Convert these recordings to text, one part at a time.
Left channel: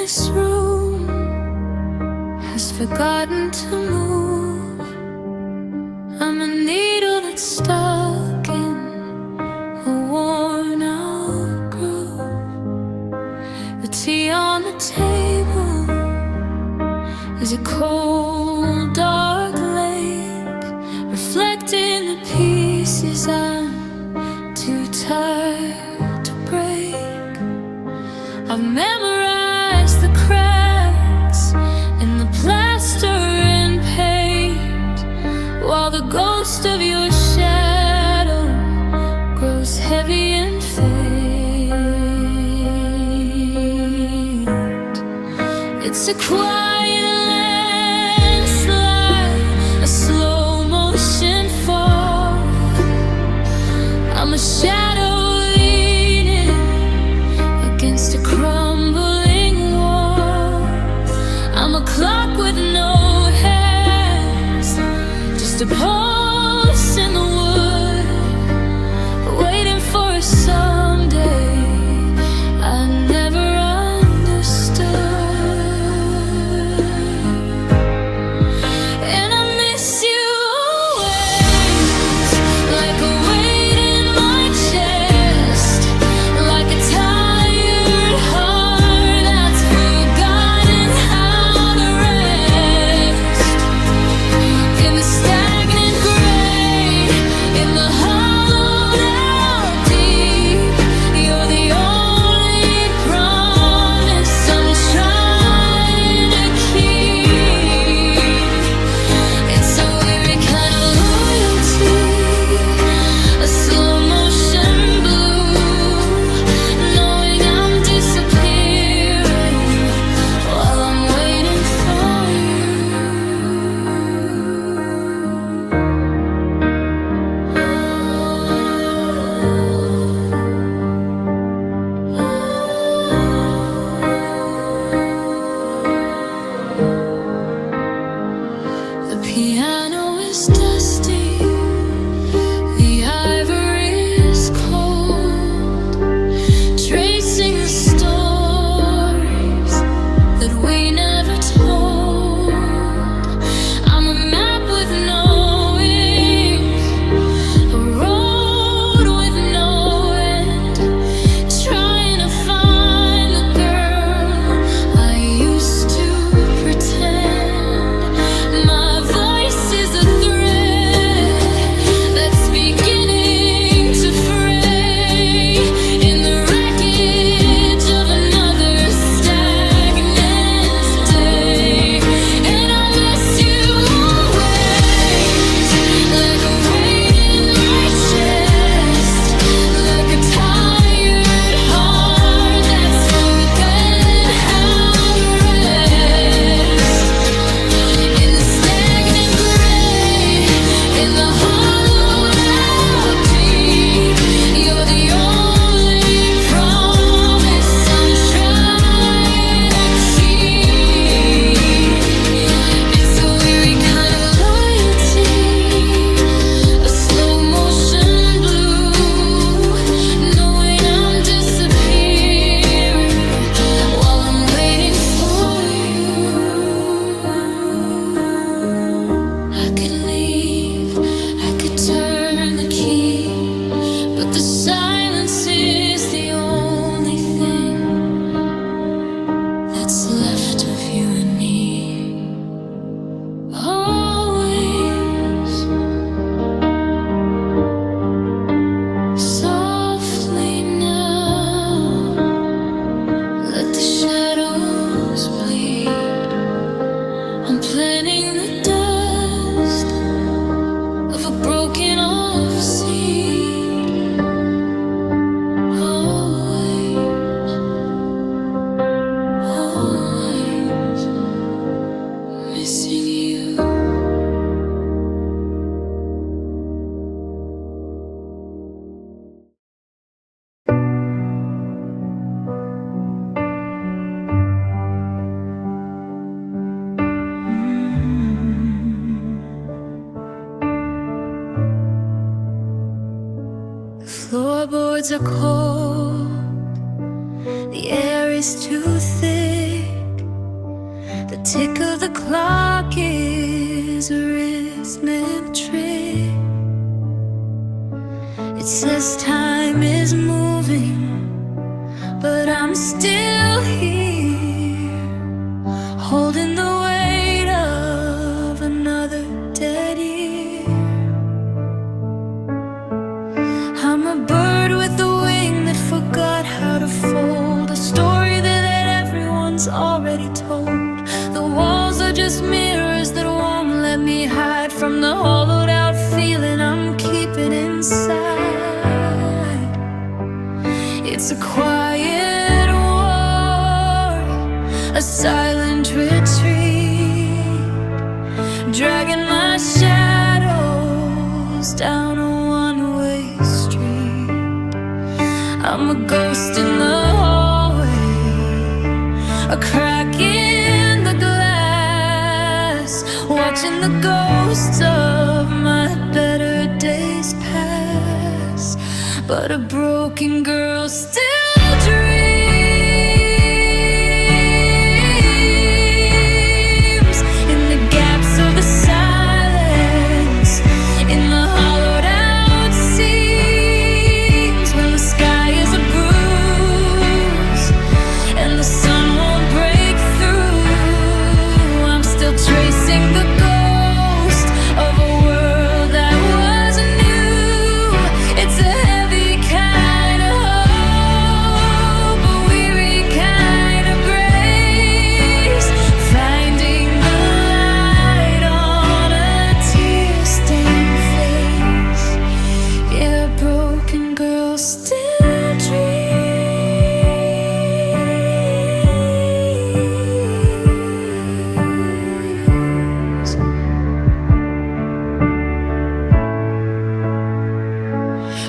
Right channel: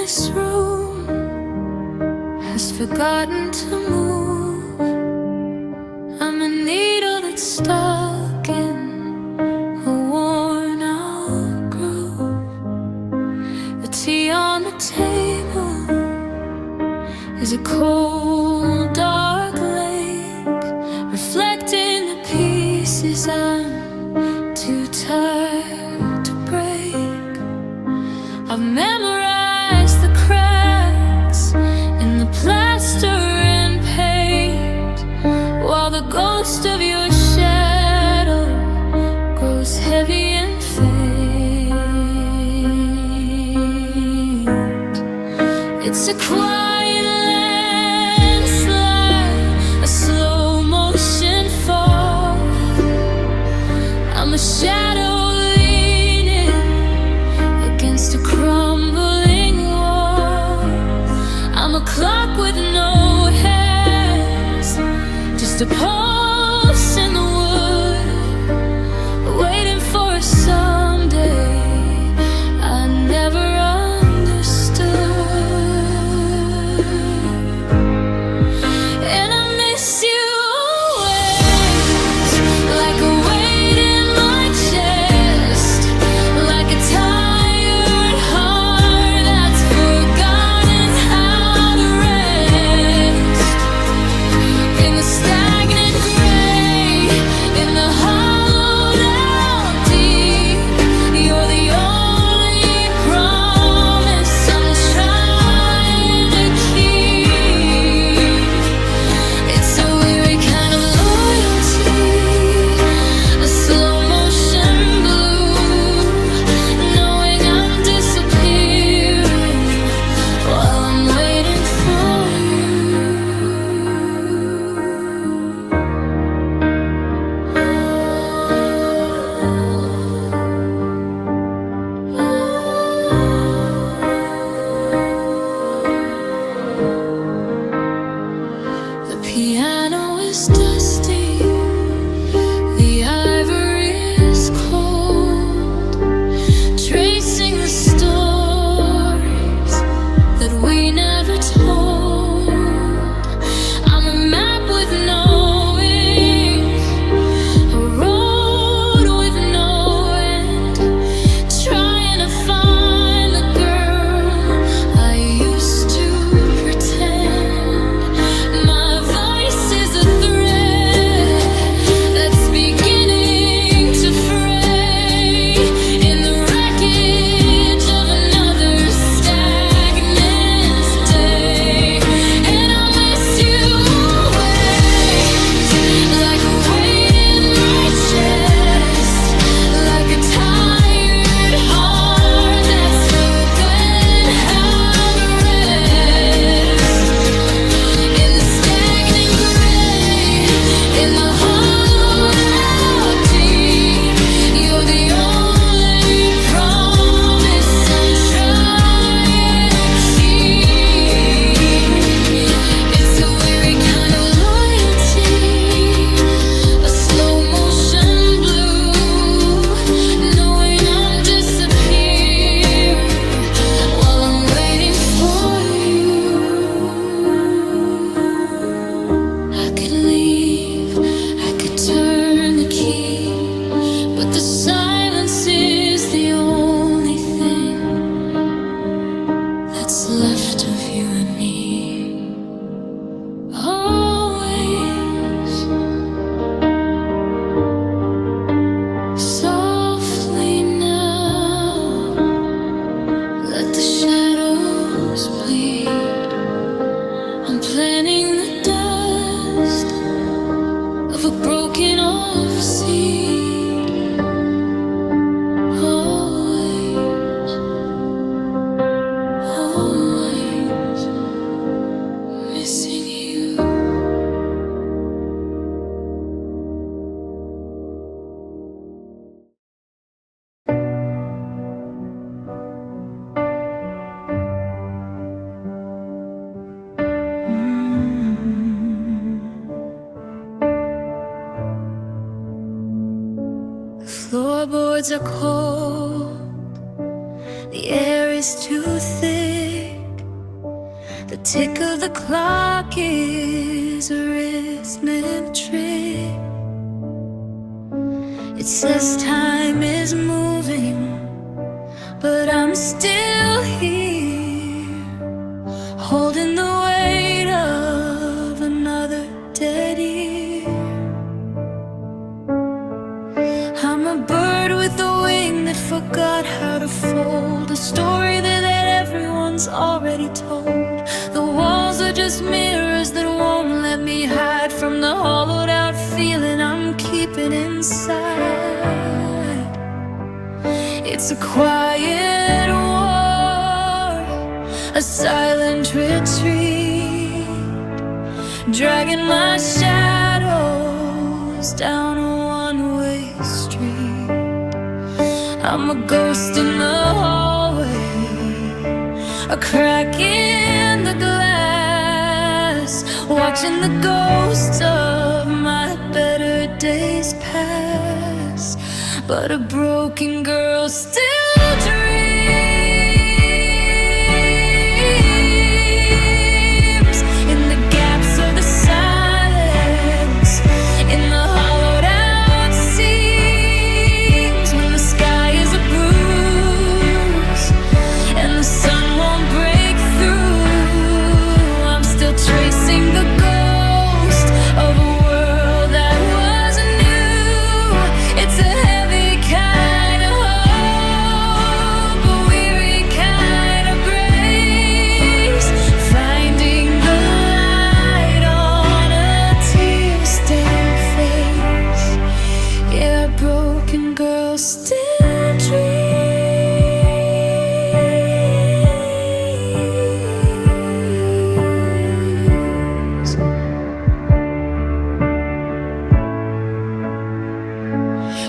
this room has forgotten to move. I'm a needle that's stuck in a worn out groove. The tea on the table is a cold, dark lake, reflecting the pieces I'm too tired to break. I've memorized the cracks in the plaster and paint, while the ghost of your shadow grows heavy and faint. It's a quiet landslide, a slow motion fall. I'm a shadow leaning against a crumbling wall. I'm a clock with no hands, just a pulse in the wood, waiting for a someday I never understood. And I miss you always, like a weight in my chest, like a tired heart that's forgotten how to rest. In the stagnant gray, in the hollowed out deep, you're the only promise I'm trying to keep. It's a weary kind of loyalty, a slow motion blue, knowing I'm disappearing while I'm waiting for you. The piano is dusty, the ivory is cold, tracing the stories that we never told. I'm a map with no ink, a road with no end, trying to find the girl I used to pretend. My voice is a thread that's beginning to fray in the wreckage of another stagnant day. And I miss you always, like a weight in my chest, like a tired heart that's forgotten how to rest. In the stagnant gray, in the hollowed out deep, you're the only promise I'm trying to keep. It's a weary kind of loyalty, a slow motion blue, knowing I'm disappearing while I'm waiting for you. I could leave, I could turn the key, but the silence is the only thing that's left of you and me. Always, softly now, let the shadows bleed. I'm planting the dust of a broken off seed. Always, always missing you. Floorboards are cold, the air is too thick, The tick of the clock is a wristlet trick. It says time is moving, but I'm still here, holding the weight of another dead year. I'm a bird with a wing that forgot how to fold, a story that everyone's already told. The walls are just mirrors that won't let me hide from the hollowed out feeling I'm keeping inside. It's a quiet war, a silent retreat, dragging my shadows down a one-way street. I'm a ghost in the hallway, a crack in the glass, watching the ghosts of my better days pass. But a broken girl still dreams in the gaps of the silence, in the hollowed out seams, when the sky is a bruise and the sun won't break through. I'm still tracing the ghost of a world that wasn't new. It's a heavy kind of hope, a weary kind of grace, finding the light on a tear-stained face. Yeah, broken girl still dreams.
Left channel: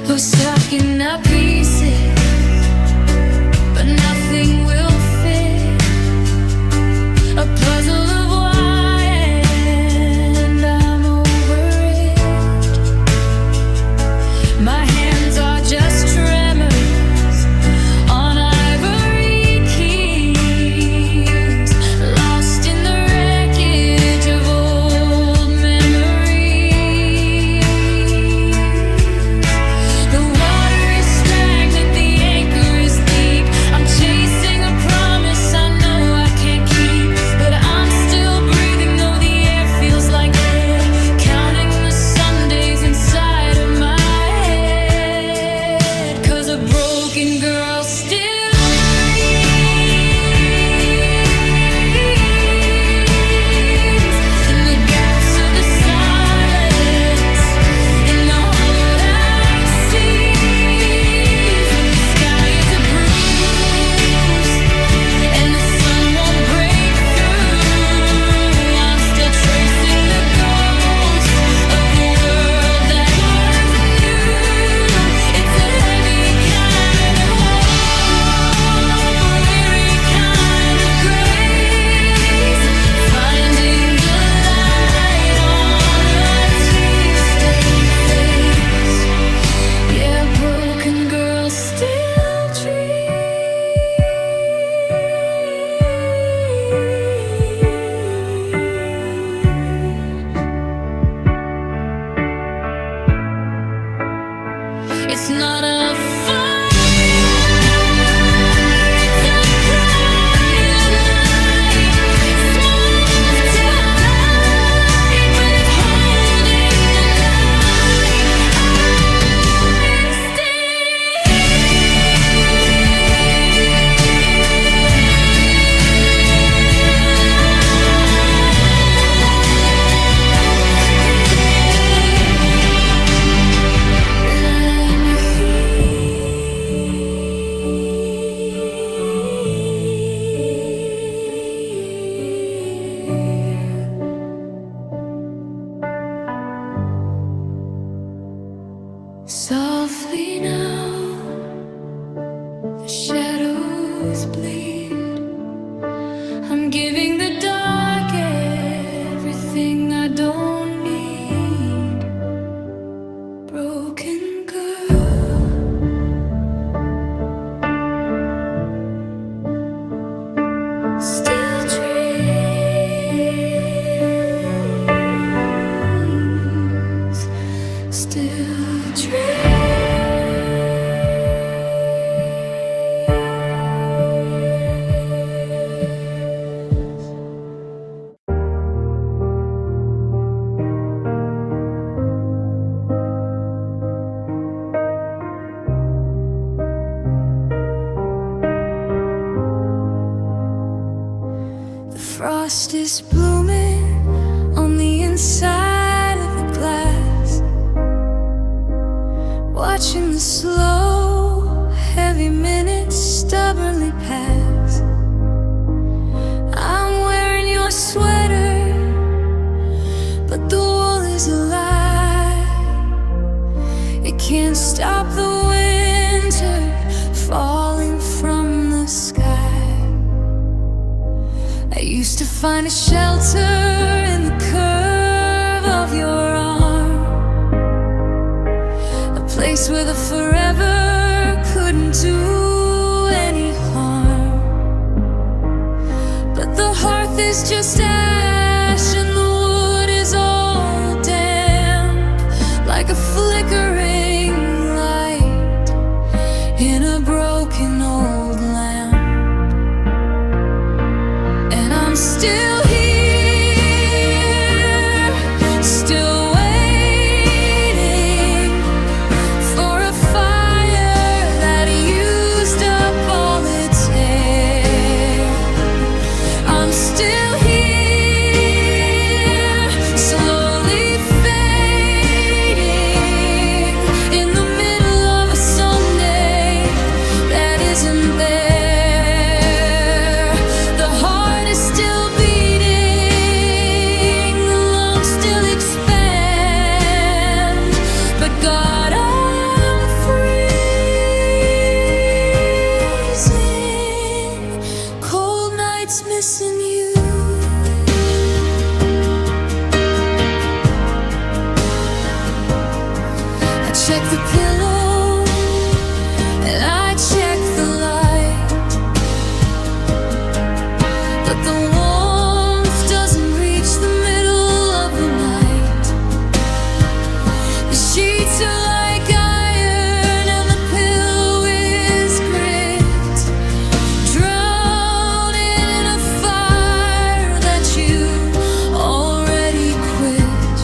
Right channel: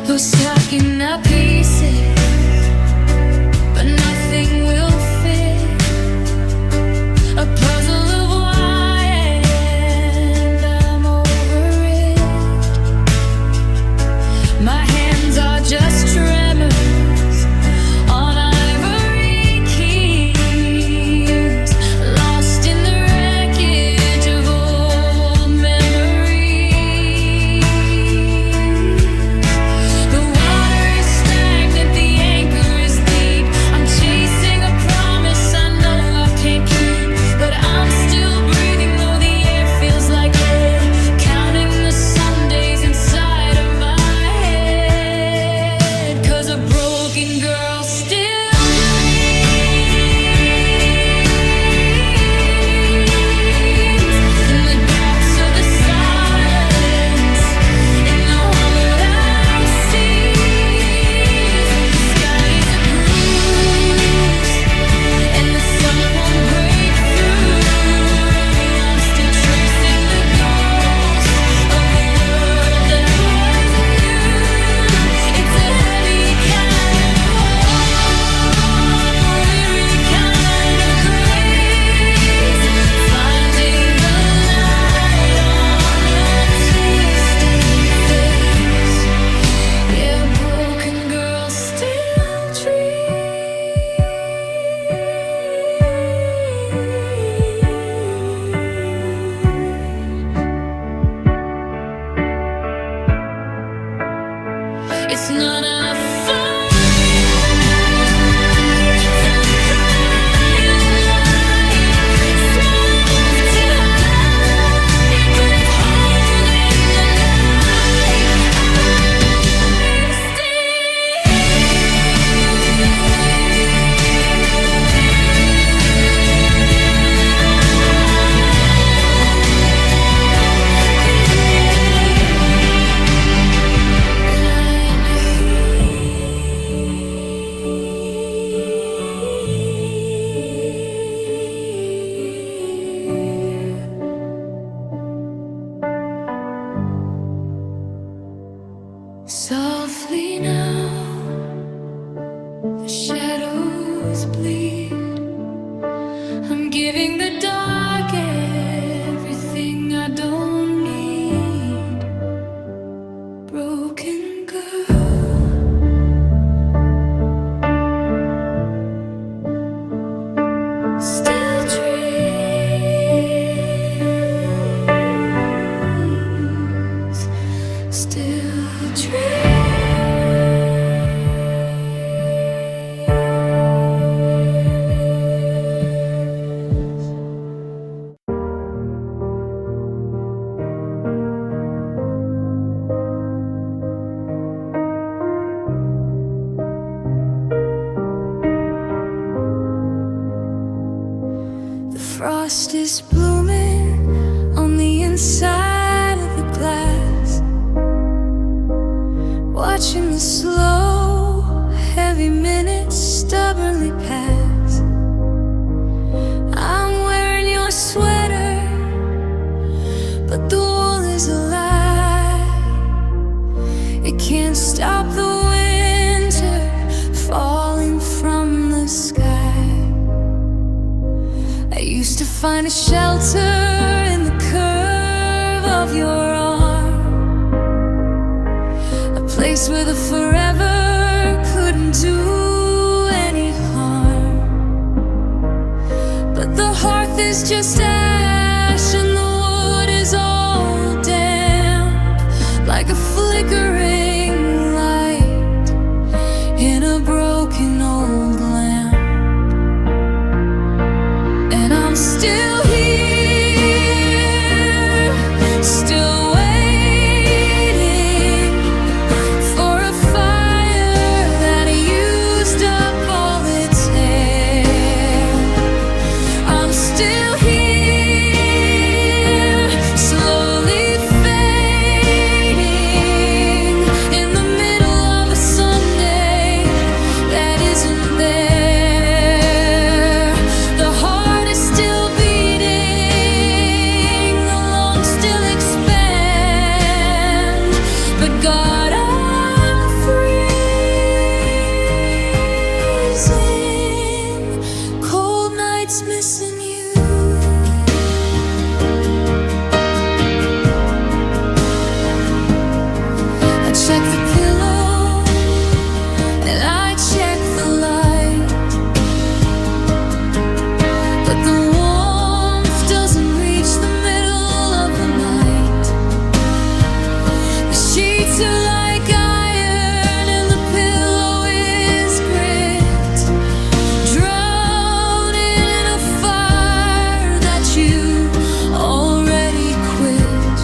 We're stacking up pieces, but nothing will fit. A puzzle of why, and I'm over it. My hands are just tremors on ivory keys, lost in the wreckage of old memories. The water is stagnant, the anchor is deep. I'm chasing a promise I know I can't keep, but I'm still breathing though the air feels like lead, counting the Sundays inside of my head. 'Cause a broken girl still dreams in the gaps of the silence, in the hollowed out seas, when the sky is a bruise and the sun won't break through. I'm still tracing the ghost of a world that wasn't new. It's a heavy kind of hope, a weary kind of grace, finding the light on a tear-stained face. Yeah, broken girl still dreams. It's not a fire, it's a private light, small enough to hide, but it's holding the night. I'm softly now, the shadows bleed. I'm giving the dark everything I don't need. Broken girl, still dream. still dream. Frost is blooming on the inside of the glass, watching the slow, heavy minutes stubbornly pass. I'm wearing your sweater, but the wool is a lie. It can't stop the winter falling from the sky. I used to find a shelter in the curve of your arm, a place where the forever couldn't do any harm. But the hearth is just ash and the wood is all damp, like a flickering light in a broken old lamp. I'm still here, still waiting for a fire that used up all its air. I'm still here, slowly fading in the middle of a Sunday that isn't there. Still beating, the lungs still expand, but God, I'm freezing. Cold nights missing you. I check the pillow and I check the light, but the warmth doesn't reach the middle of the night. The sheets are like iron and the pillow is grit, drowning in a fire that you already quit.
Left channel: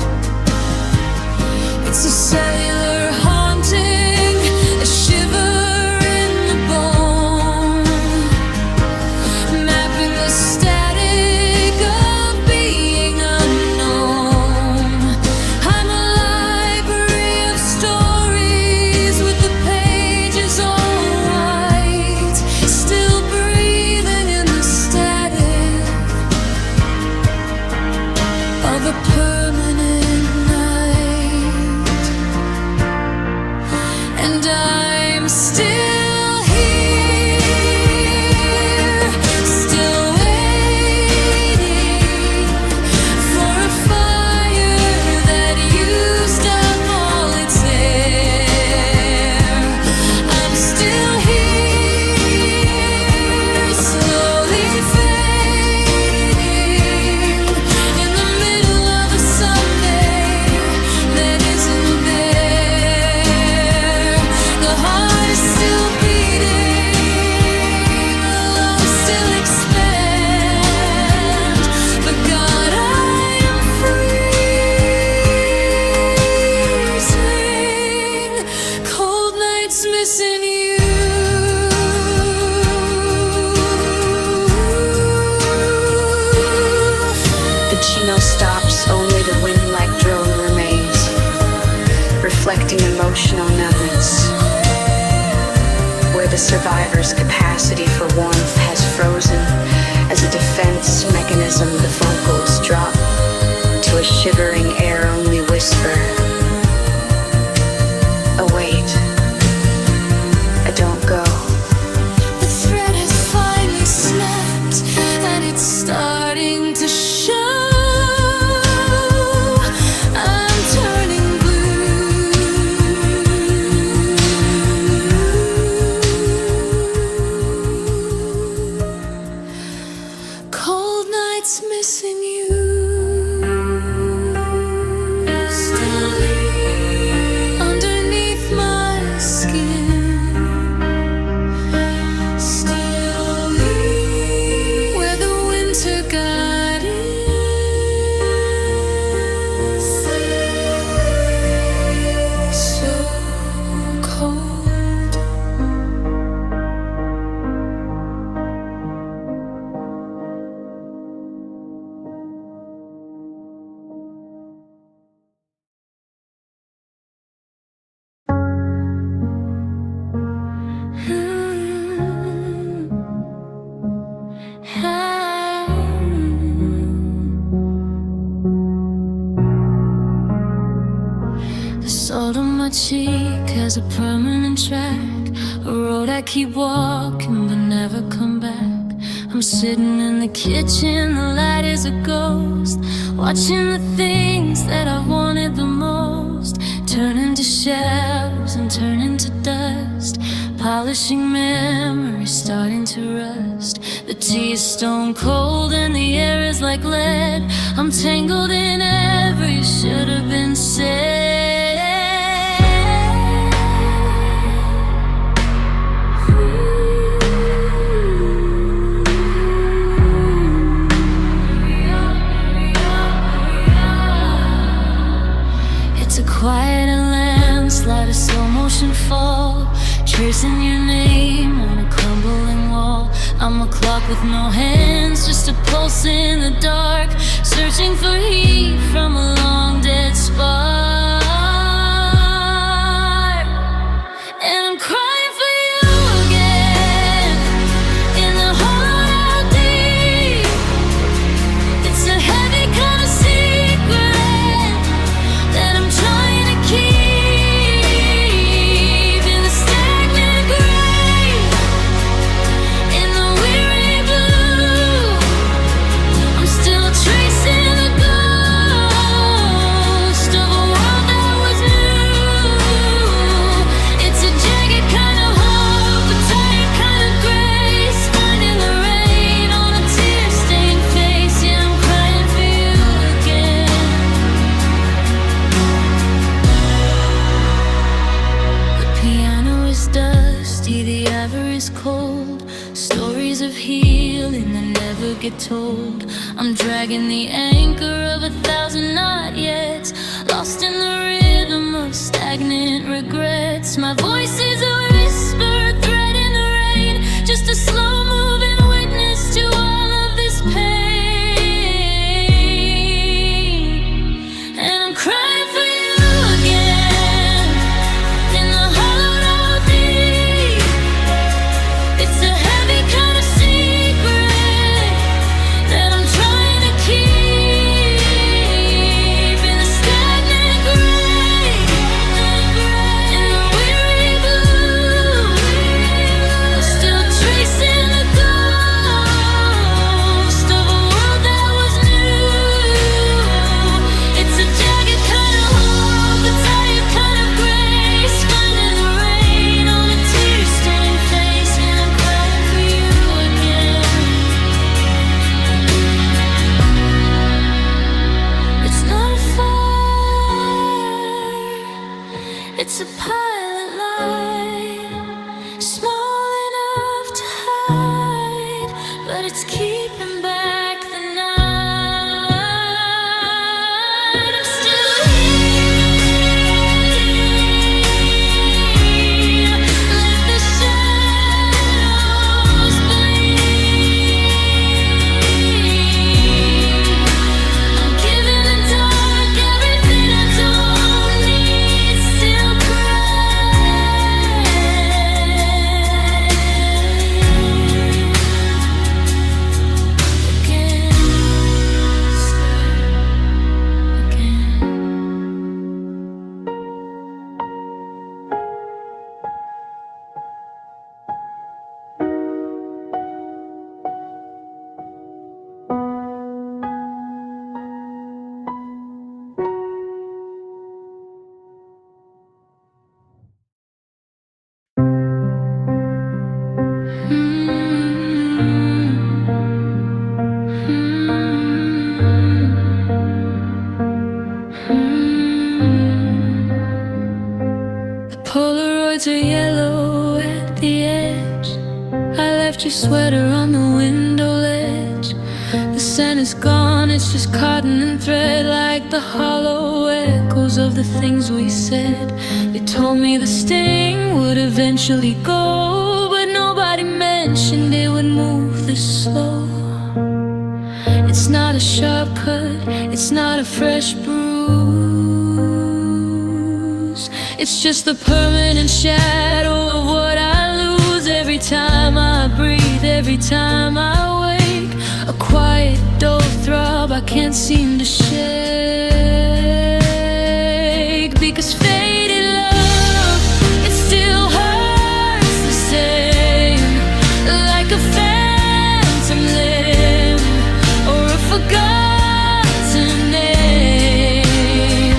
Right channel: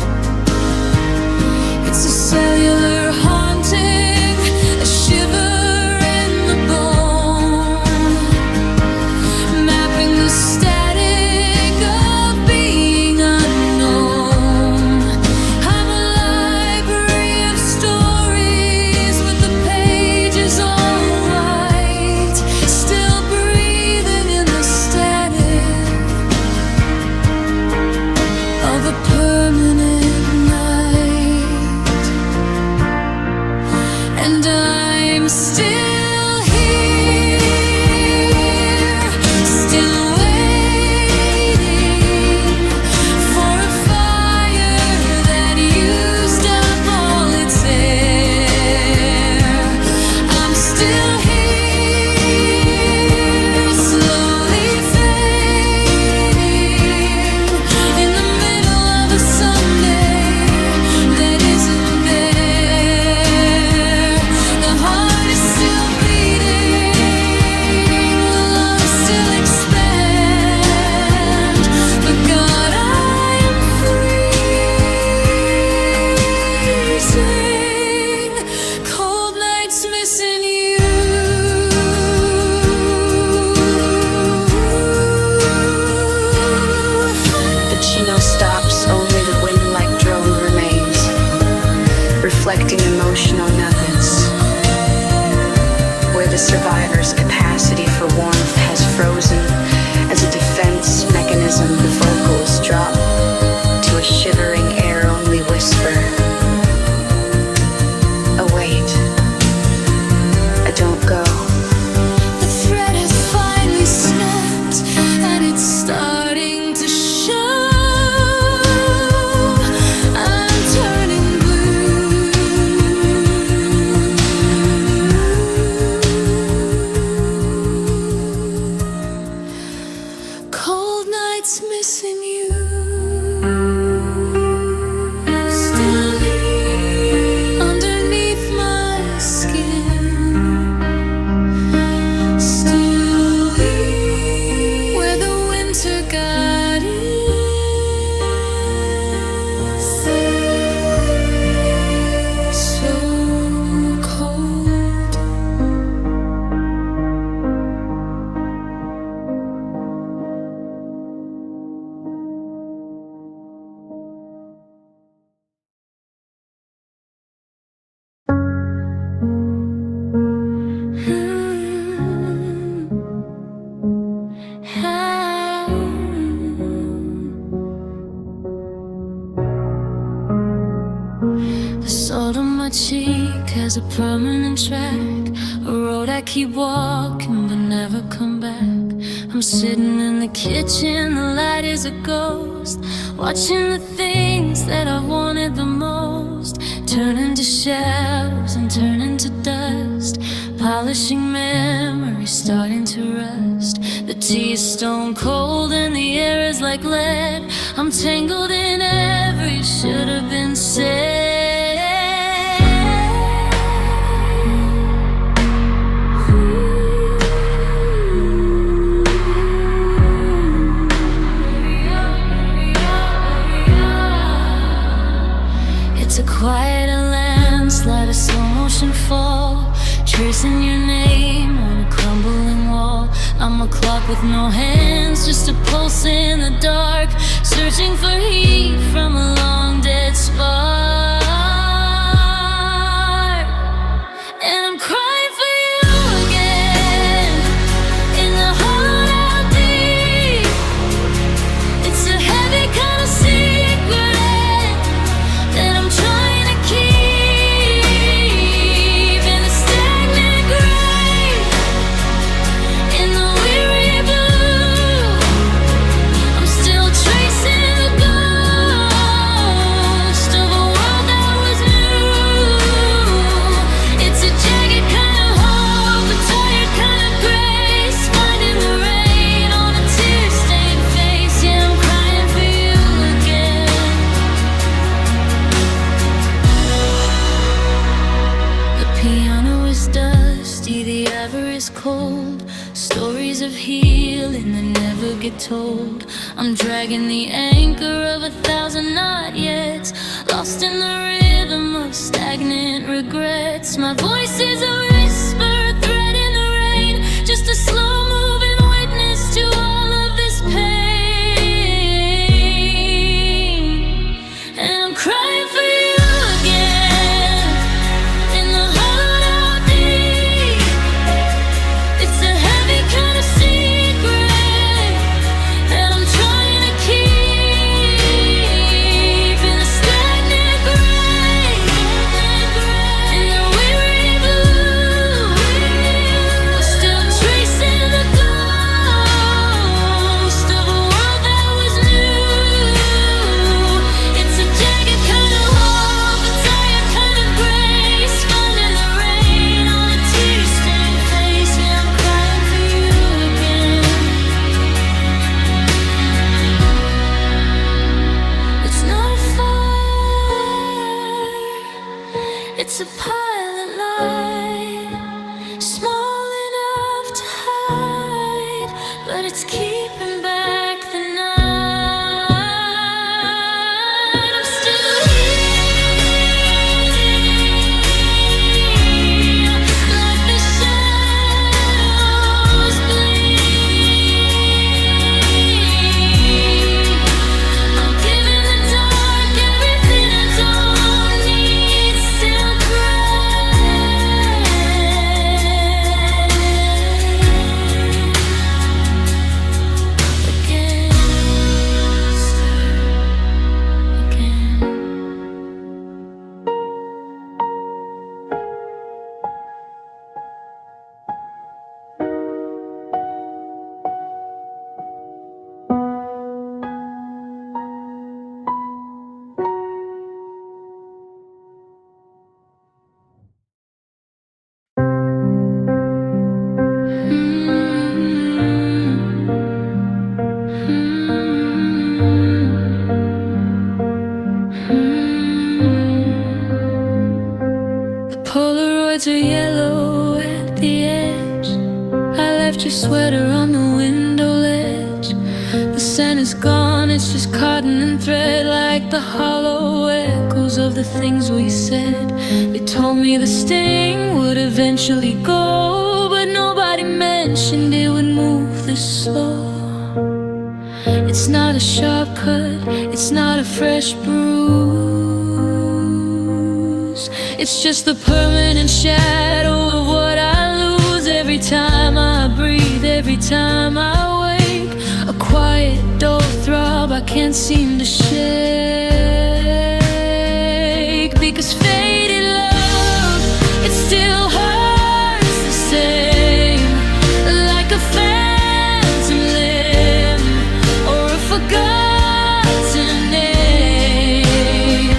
It's a cellular haunting, a shiver in the bone, mapping the static of being unknown. I'm a library of stories with the pages all white, still breathing in the static of a permanent night. And I'm still here, still waiting for a fire that used up all its air. I'm still here, slowly fading in the middle of a Sunday that isn't there. The heart is still beating, the lungs still expand, but God, I am freezing. Cold nights missing you. The Chino stops, only the wind-like drone remains, reflecting emotional numbness. Where the survivor's capacity for warmth has frozen, as a defense mechanism, the vocals drop to a shivering air-only whisper. Await. Don't go. The thread has finally snapped and it's starting to show. I'm turning blue. Cold nights missing you. Still here. winter got in so cold. The salt on my cheek has a permanent track, a road I keep walking but never come back. I'm sitting in the kitchen, the light is a ghost, watching the things that I wanted the most turn into shadows and turn into dust, polishing memories starting to rust. The tea is stone cold and the air is like lead. I'm tangled in every should have been said. It's a quiet landslide, a slow motion fall, tracing your name on a crumbling wall. I'm a clock with no hands, just a pulse in the dark, searching for heat from a long dead spark. And I'm crying for you again in the hollowed out deep. It's a heavy kind of secret that I'm trying to keep in the stagnant gray, in the weary blue. I'm still tracing the ghost of a world that was new. It's a jagged kind of hope, a tired kind of grace, finding the rain on a tear-stained face. Yeah, I'm crying for you again. The piano is dusty, the ivory is cold, stories of healing that never get told. I'm dragging the anchor of 1,000 not yets, lost in the rhythm of stagnant regrets. My voice is a whisper, a thread in the rain, just a slow-moving witness to all of this pain. And I'm crying for you again in the hollowed out deep. It's a heavy kind of secret that I'm trying to keep in the stagnant gray, in the weary blue. I'm still tracing the ghost of a world that was new. It's a jagged kind of hope, a tired kind of grace, finding the rain on a tear-stained face. Yeah, I'm crying for you again. It's not a fire, it's a pilot light, small enough to hide, but it's keeping back the night. I'm still here, let the shadows bleed. I'm giving the dark everything I don't need, still crying again, again. The Polaroids are yellow at the edge. I left your sweater on the window ledge. The when it's gone, it's just cotton and thread, like the hollow echoes of the things we said. They told me the sting would eventually go, but nobody mentioned it would move this slow. It's not a sharp cut, it's not a fresh bruise. It's just the permanent shadow of what I lose. Every time I breathe, every time I wake, a quiet, dull throb I can't seem to shake. Because faded love, it still hurts the same, like a phantom limb or a forgotten name.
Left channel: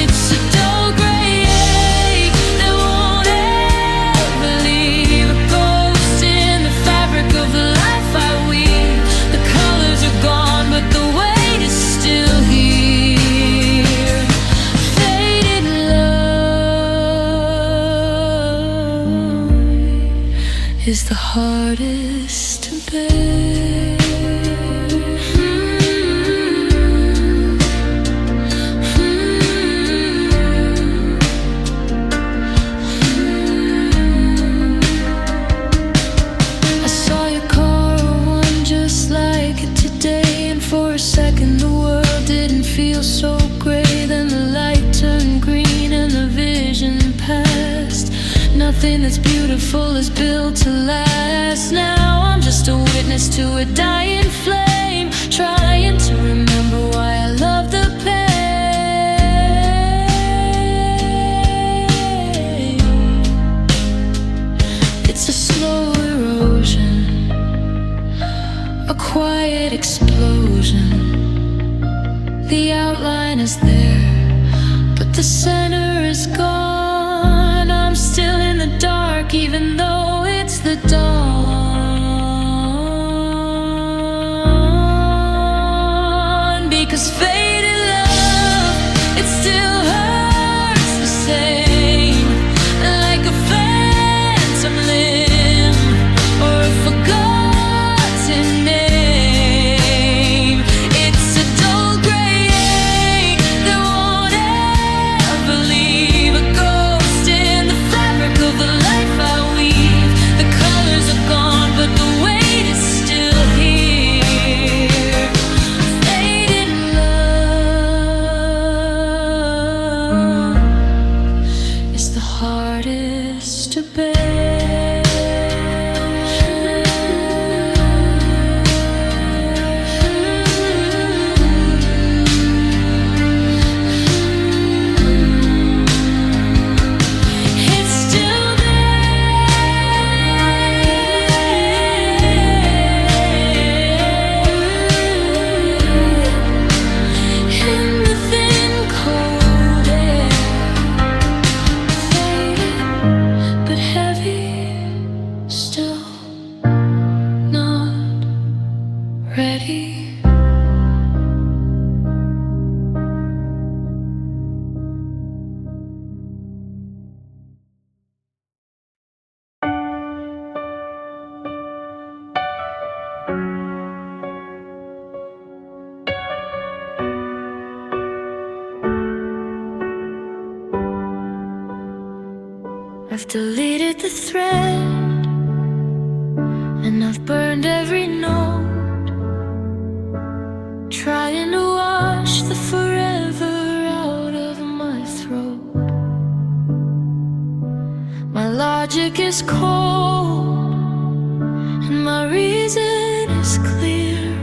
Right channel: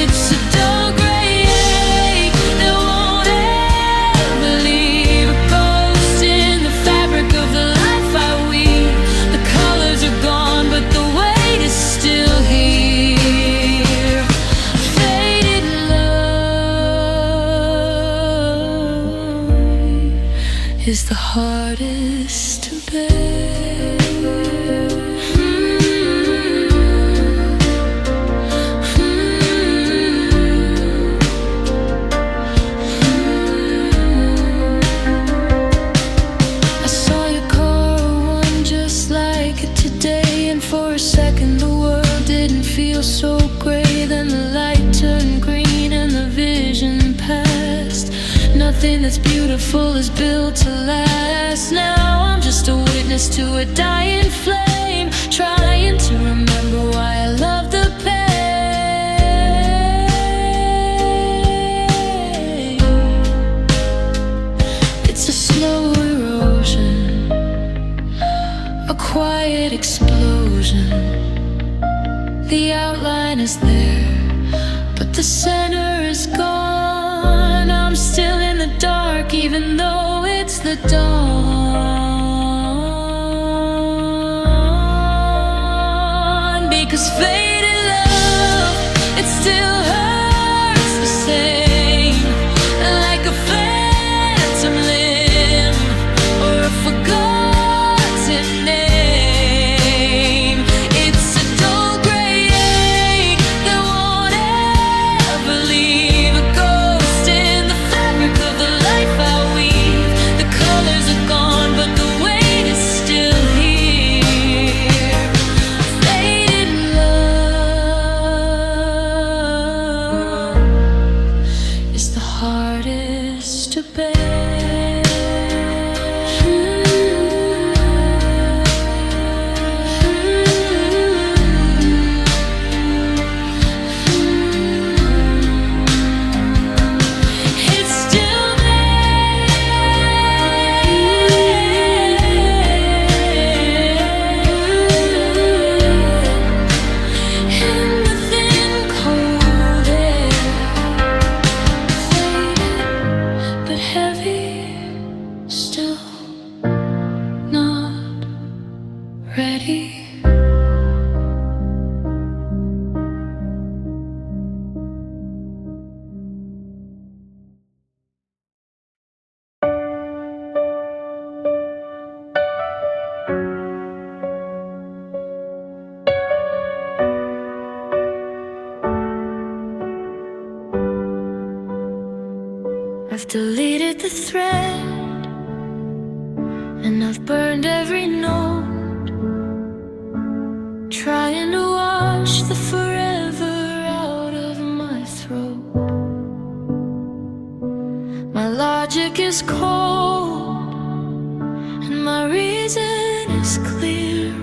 It's a dull gray ache that won't ever leave, a ghost in the fabric of the life I weave. The colors are gone, but the weight is still here. Faded love is the hardest to bear. I saw your car, one just like it today, and for a second the world didn't feel so gray. Then the light turned green and the vision passed. Nothing that's beautiful is built to last. Now I'm just a witness to a dying flame, trying to remember why I love the pain. It's a slow erosion, a quiet explosion. The outline is there, but the center is gone. I'm still in the dark, even though it's the dawn. Because faded love, it still hurts the same, like a phantom limb or a forgotten name. It's a dull gray ache that won't ever leave, a ghost in the fabric of the life I weave. The colors are gone, but the weight is still here. Faded love is the hardest to bear. It's still in the thin cold air, faded but heavy, still not ready. I've deleted the thread, and I've burned every note, trying to wash the forever out of my throat. My logic is cold, and my reason is clear.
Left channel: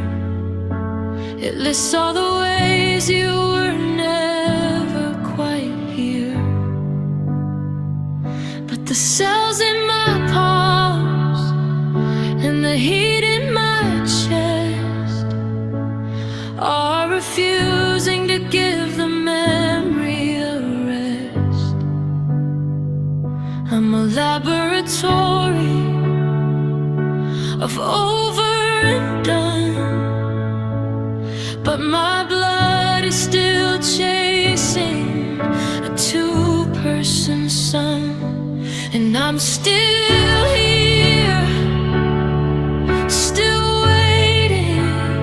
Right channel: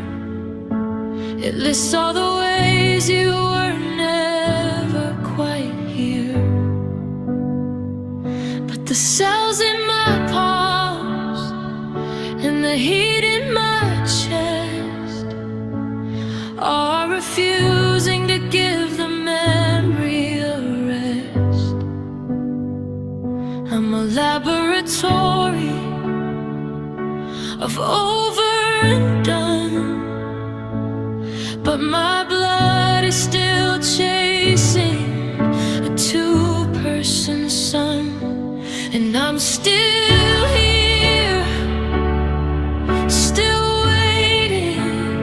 It lists all the ways you were never quite here. But the cells in my palms and the heat in my chest are refusing to give the memory a rest. I'm a laboratory of over and done, but my blood is still chasing a two-person sun. And I'm still here, still waiting,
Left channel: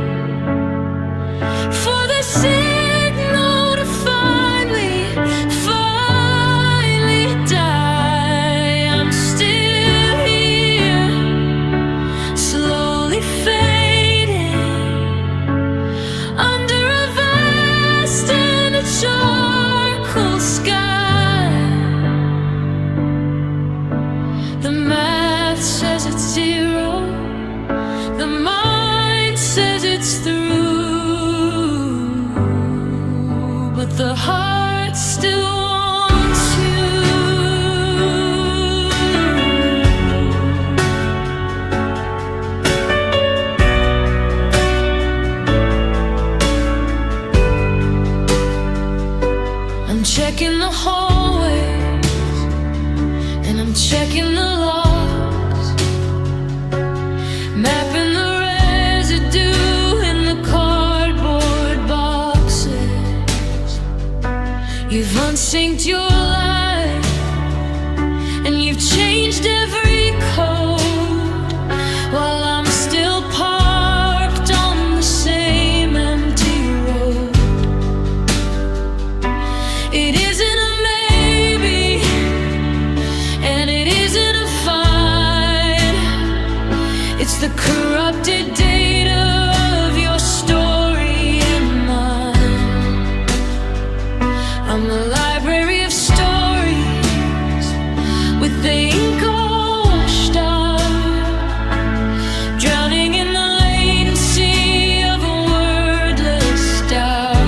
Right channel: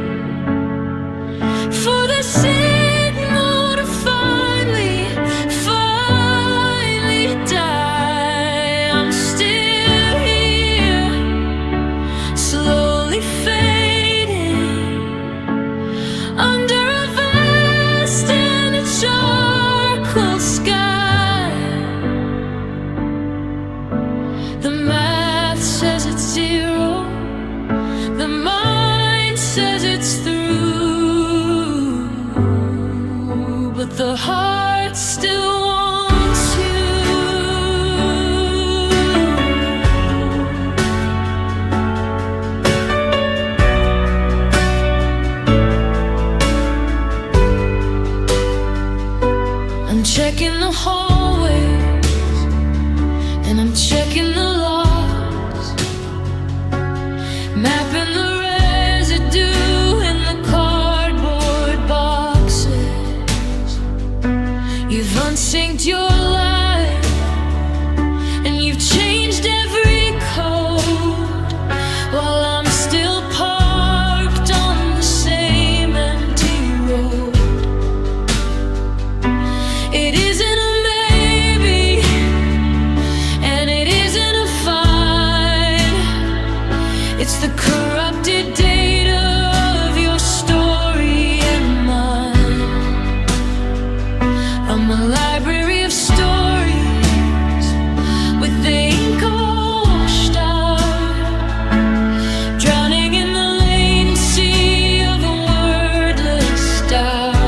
under a vast and a charcoal sky. The math says it's 0, the mind says it's through, but the heart still wants you. I'm checking the hallways, and I'm checking the locks, mapping the residue in the cardboard boxes. You've unsynced your life, and you've changed every code, while I'm still parked on the same empty road. It isn't a maybe, and it isn't a fine. It's the corrupted data of your story and mine. I'm a library of stories with the ink all washed out, drowning in the latency of a wordless doubt.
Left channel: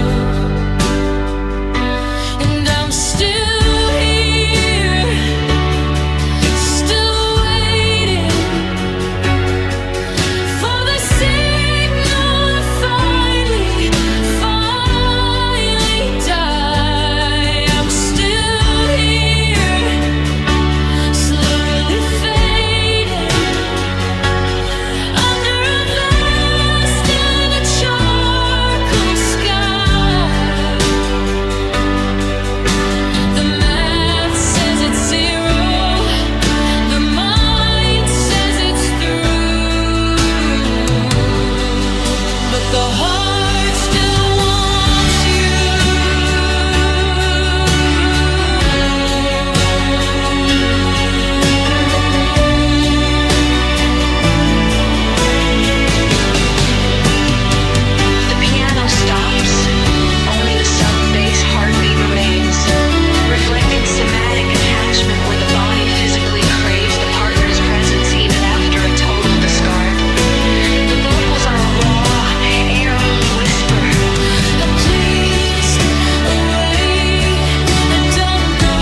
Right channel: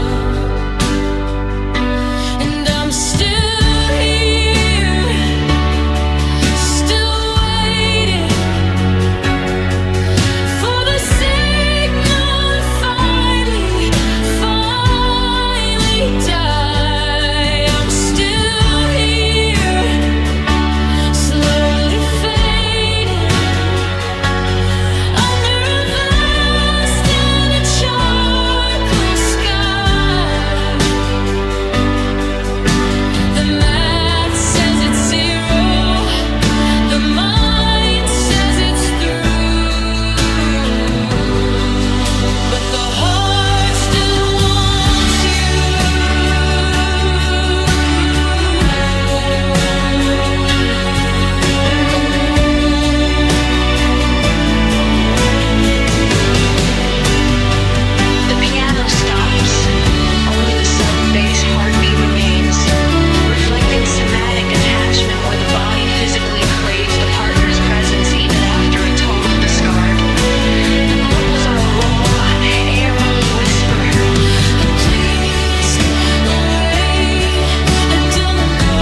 And I'm still here, still waiting for the signal to finally die. I'm still here, slowly fading under a vast and a charcoal sky. The math says it's 0, the mind says it's through, but the heart still wants you. The piano stops. Only the sub-bass heartbeat remains, reflecting somatic attachment where the body physically craves the partner's presence even after a total discard. The vocals are a raw, air-only whisper. Please, wait, don't go.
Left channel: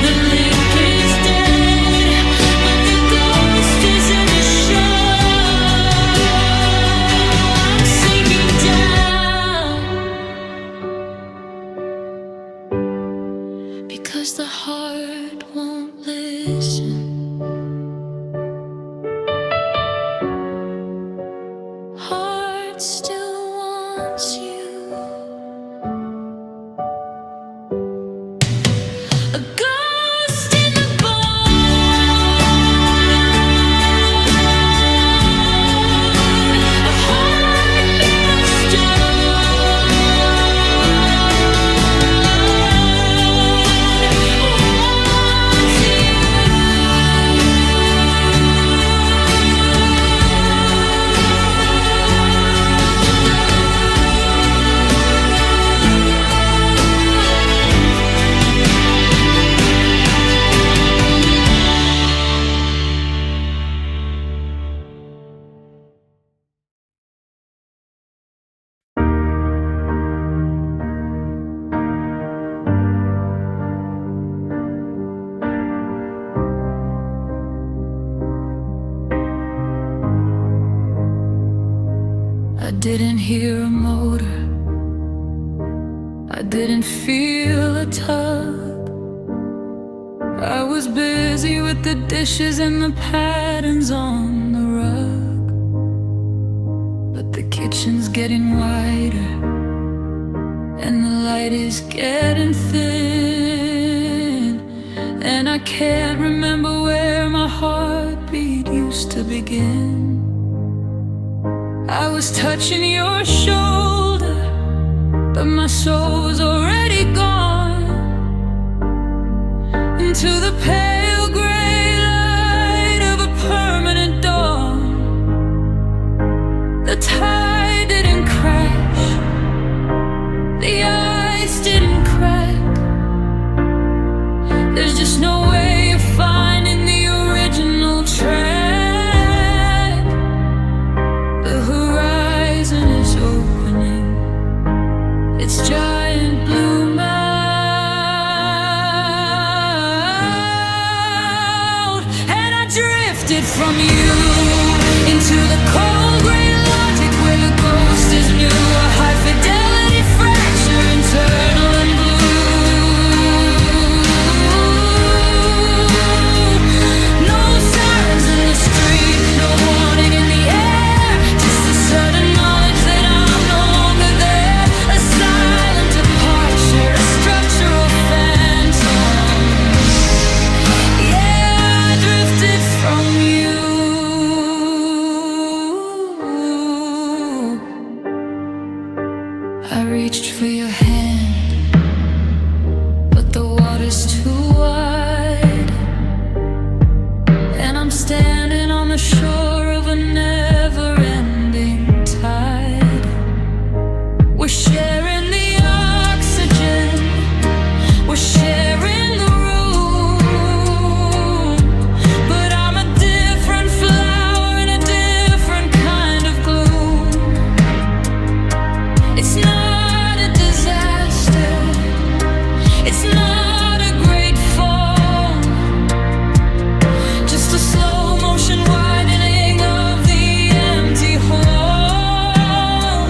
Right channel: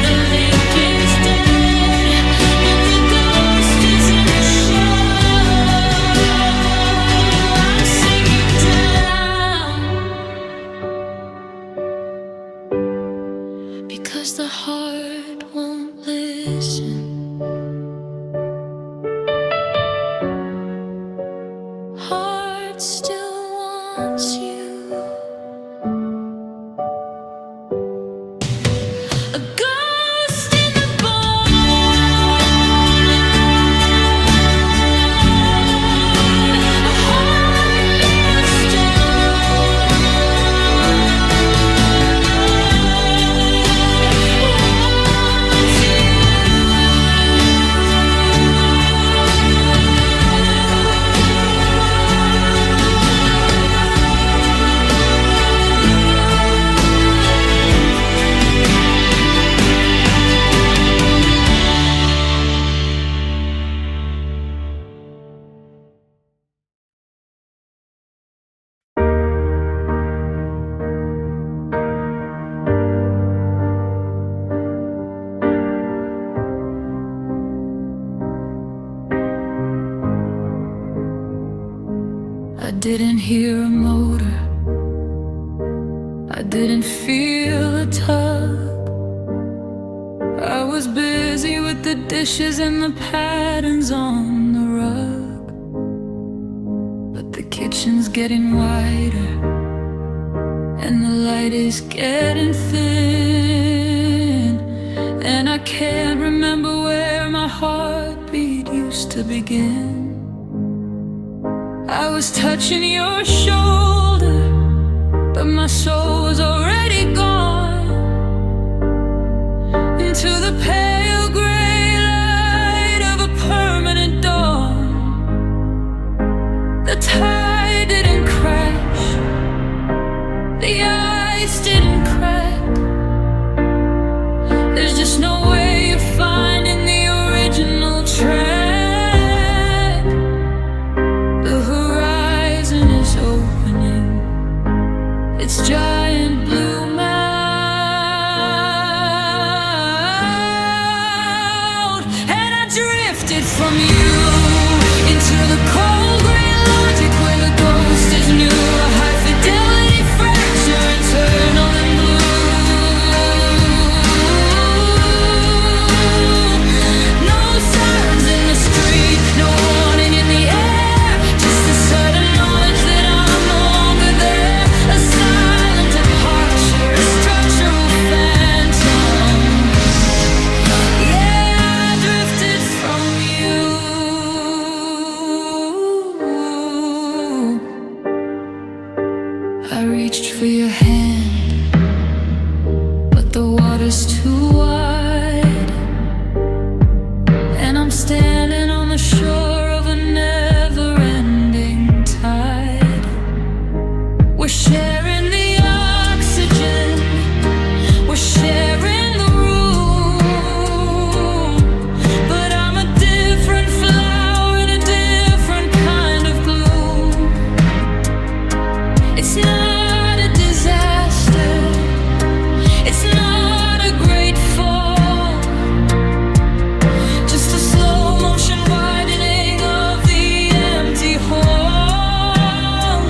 The link is dead, but the ghost is in the show. I'm sinking down, because the heart won't listen. Heart still wants you. A ghost in the bone, a heart made of stone, wants you. I didn't hear a motor, I didn't feel a tug. I was busy with the dishes and the patterns on the rug. But the kitchen's getting wider, and the light is getting thin, and I can't remember where my heartbeat used to begin. I was touching your shoulder, but my soul was already gone into the pale gray light of a permanent dawn. The tide The ice didn't crack. There's just no way of finding the original track. The horizon is opening its giant blue mouth, and I drifted from you into the cold gray logic where the ghost is new. A high fidelity fracture, internal and blue. No sirens in the street, no warning in the air, just a sudden knowledge that I'm no longer there. A silent departure, a structural phantom. Yeah, I drifted from you. I reached for your hand, but the water's too wide, and I'm standing on the shore of a never-ending tide. We're sharing the oxygen, we're sharing the room, but I'm a different flower in a different kind of gloom. It's not a disaster, it's not a great fall, just a slow motion widening of the empty hall.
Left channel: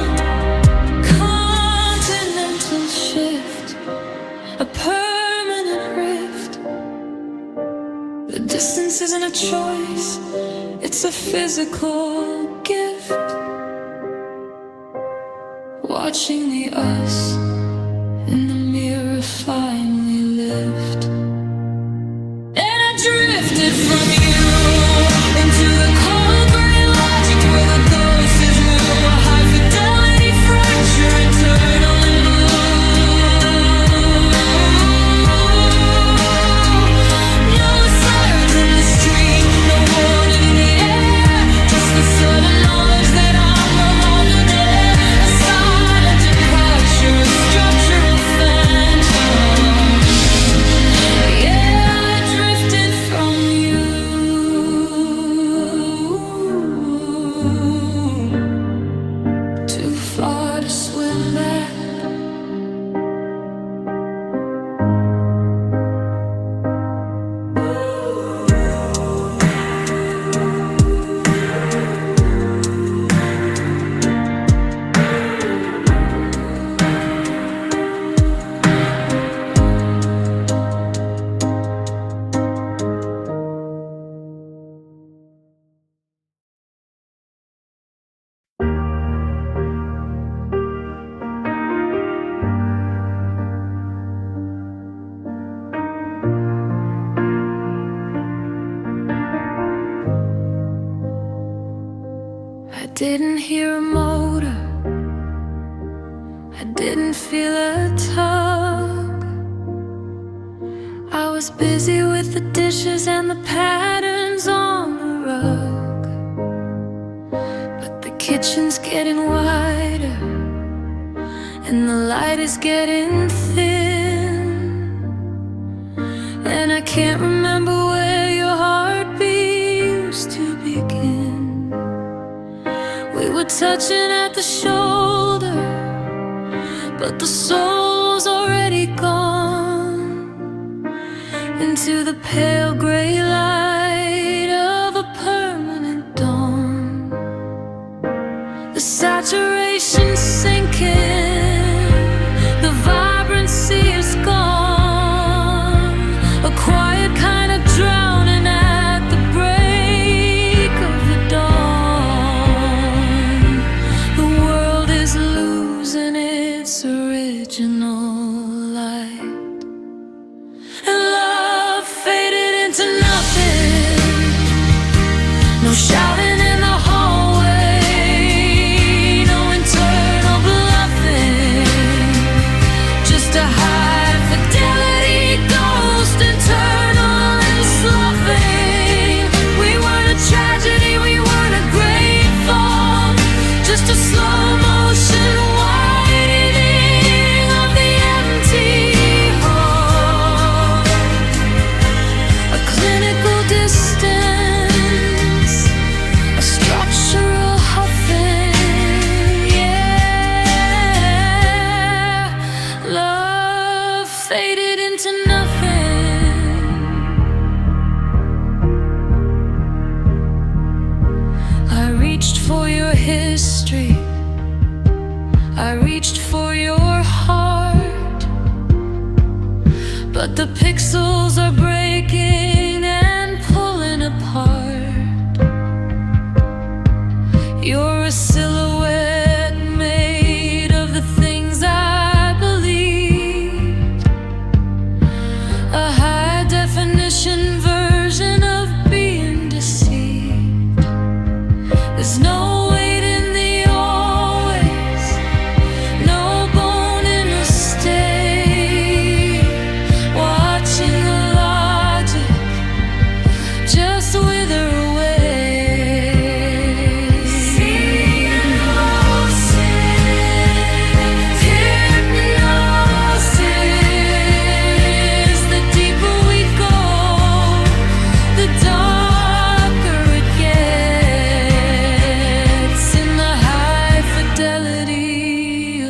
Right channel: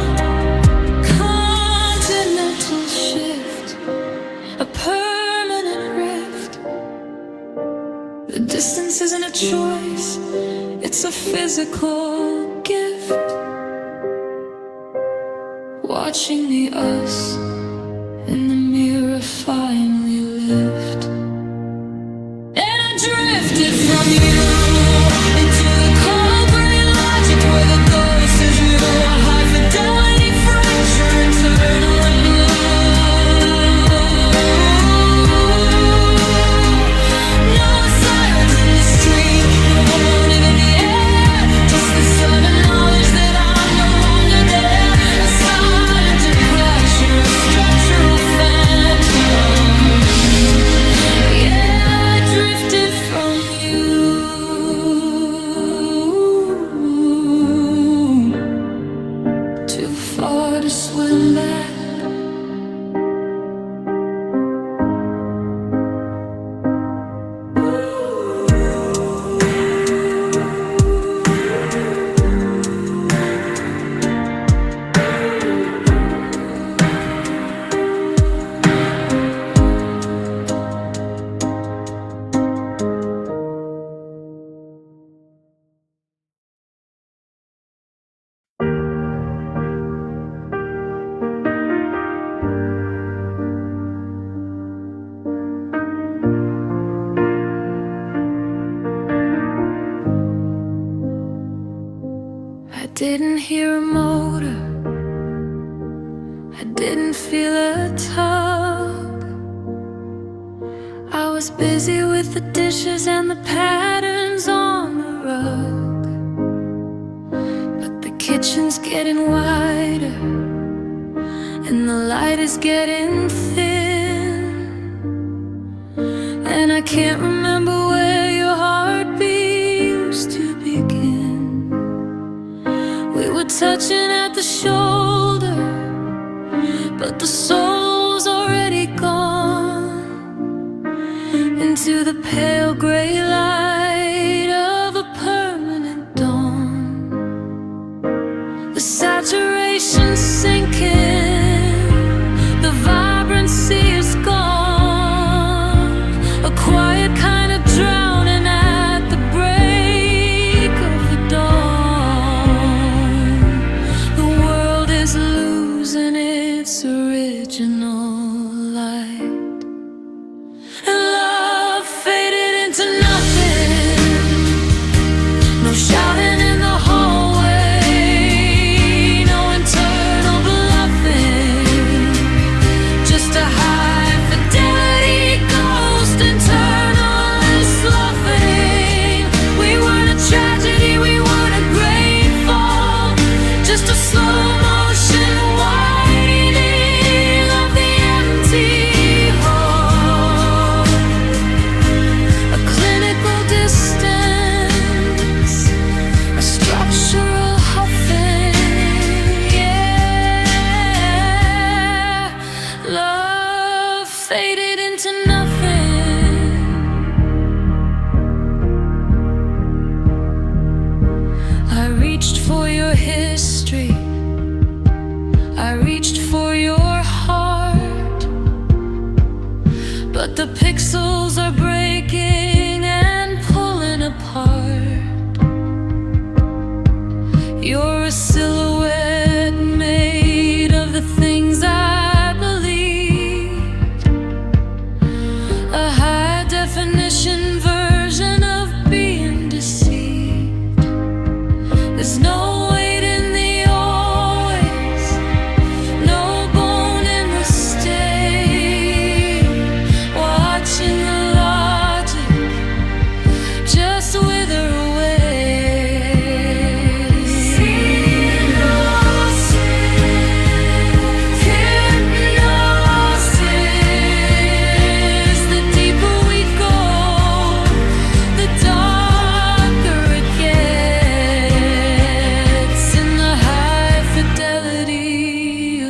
Continental shift, a permanent rift. The distance isn't a choice, it's a physical gift. Watching the us in the mirror finally lift. And I drifted from you into the cold gray logic where the ghost is new. A high fidelity fracture, internal and blue. No sirens in the street, no warning in the air, just the sudden knowledge that I'm no longer there. A silent departure, a structural phantom. Yeah, I drifted from you. Too far to swim back. I didn't hear a motor, I didn't feel a tug. I was busy with the dishes and the patterns on the rug. But the kitchen's getting wider, and the light is getting thin, and I can't remember where your heartbeat used to begin. We were touching at the shoulder, but the soul's already gone into the pale gray light of a permanent dawn. The saturation's sinking, the vibrancy is gone. A quiet kind of drowning at the break of the dawn. The world is losing its original light, and love faded into nothing. No shouting in the hallway, no internal bluffing, just a high history. I reached for your heart, but the pixels are breaking and pulling apart. You're a silhouette made of the things I believe, a high-definition version of being deceived. There's no weight in the always, no bone in the stay. Watching the logic just wither away.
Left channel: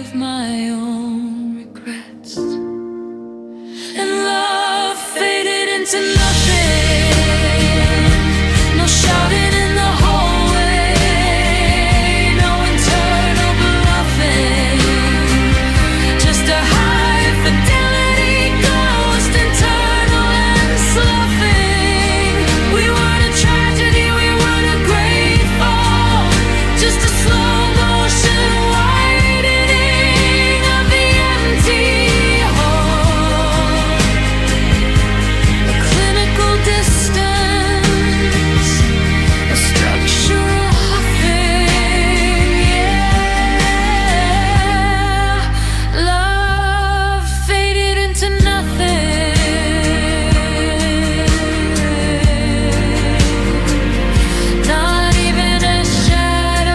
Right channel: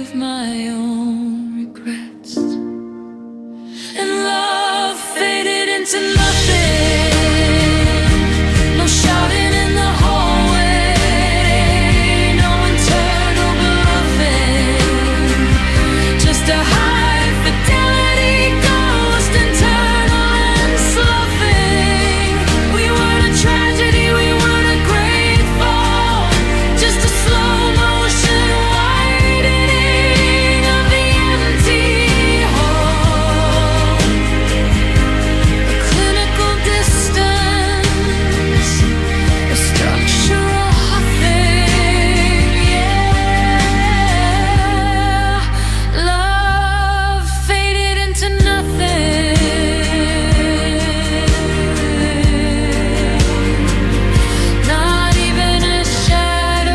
Of my own regrets, and love faded into nothing. No shouting in the hallway, no internal bluffing, just a high fidelity ghost, internal and sloughing. We weren't a tragedy, we weren't a great fall, just a slow motion distance, a structural huffing, yeah. Love faded into nothing, not even a shadow.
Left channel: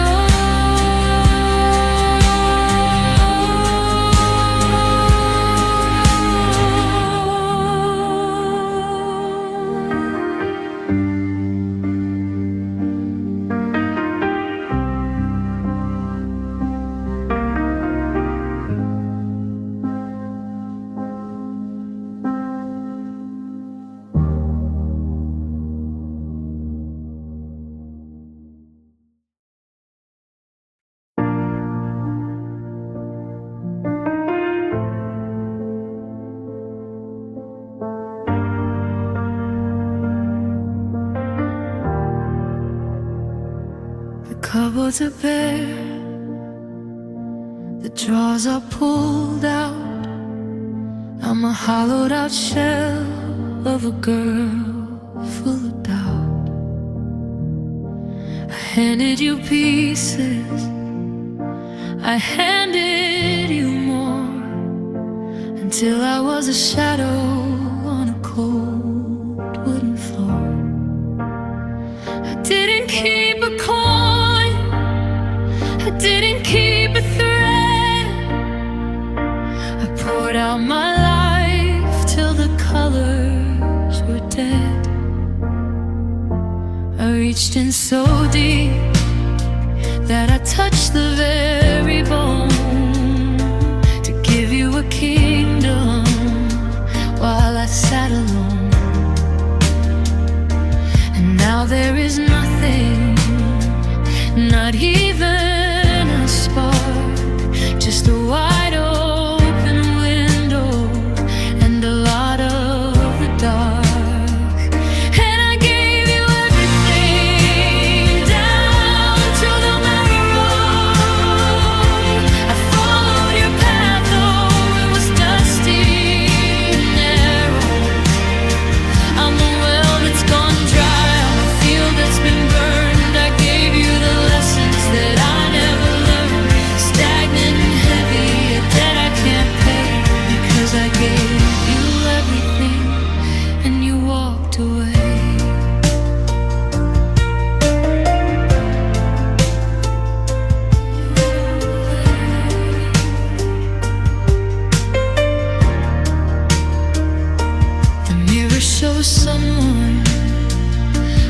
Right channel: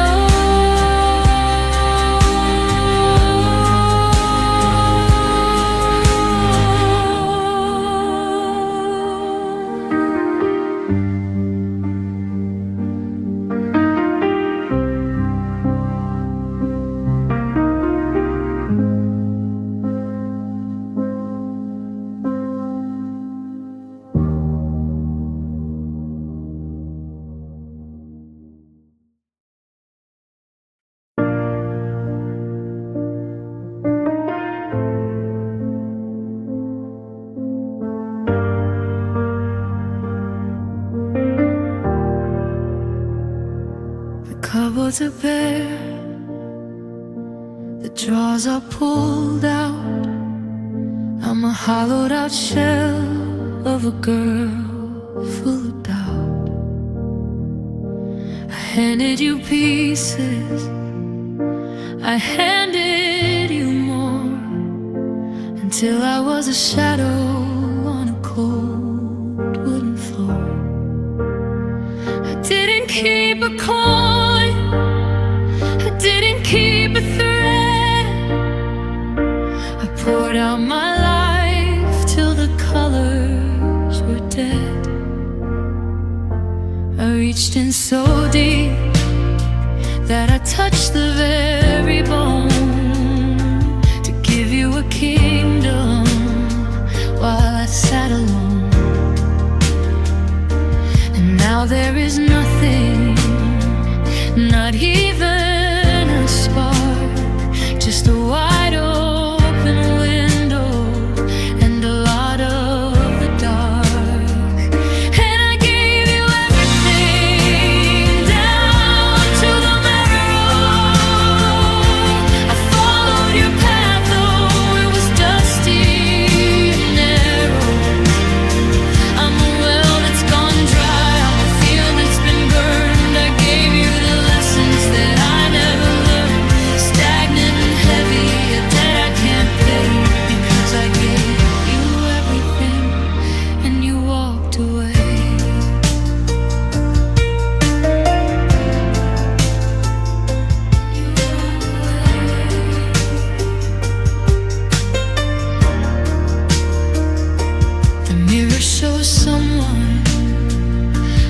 The cupboards are bare, the drawers are pulled out. I'm a hollowed out shell of a girl full of doubt. I handed you pieces, I handed you more, until I was a shadow on a cold wooden floor. I didn't keep a coin, I didn't keep a thread. I poured out my life till the colors were dead. I reached in so deep that I touched the very bone, to give you a kingdom while I sat alone. And now there is nothing, not even a spark, just a wide open window and a lot of the dark. And I gave you everything, down to the marrow. I followed your path, though it was dusty and narrow. I'm a well that's gone dry, I'm a field that's been burned. I gave you the lessons that I never learned, stagnant and heavy, a debt I can't pay, because I gave you everything and you walked away. The mirror shows someone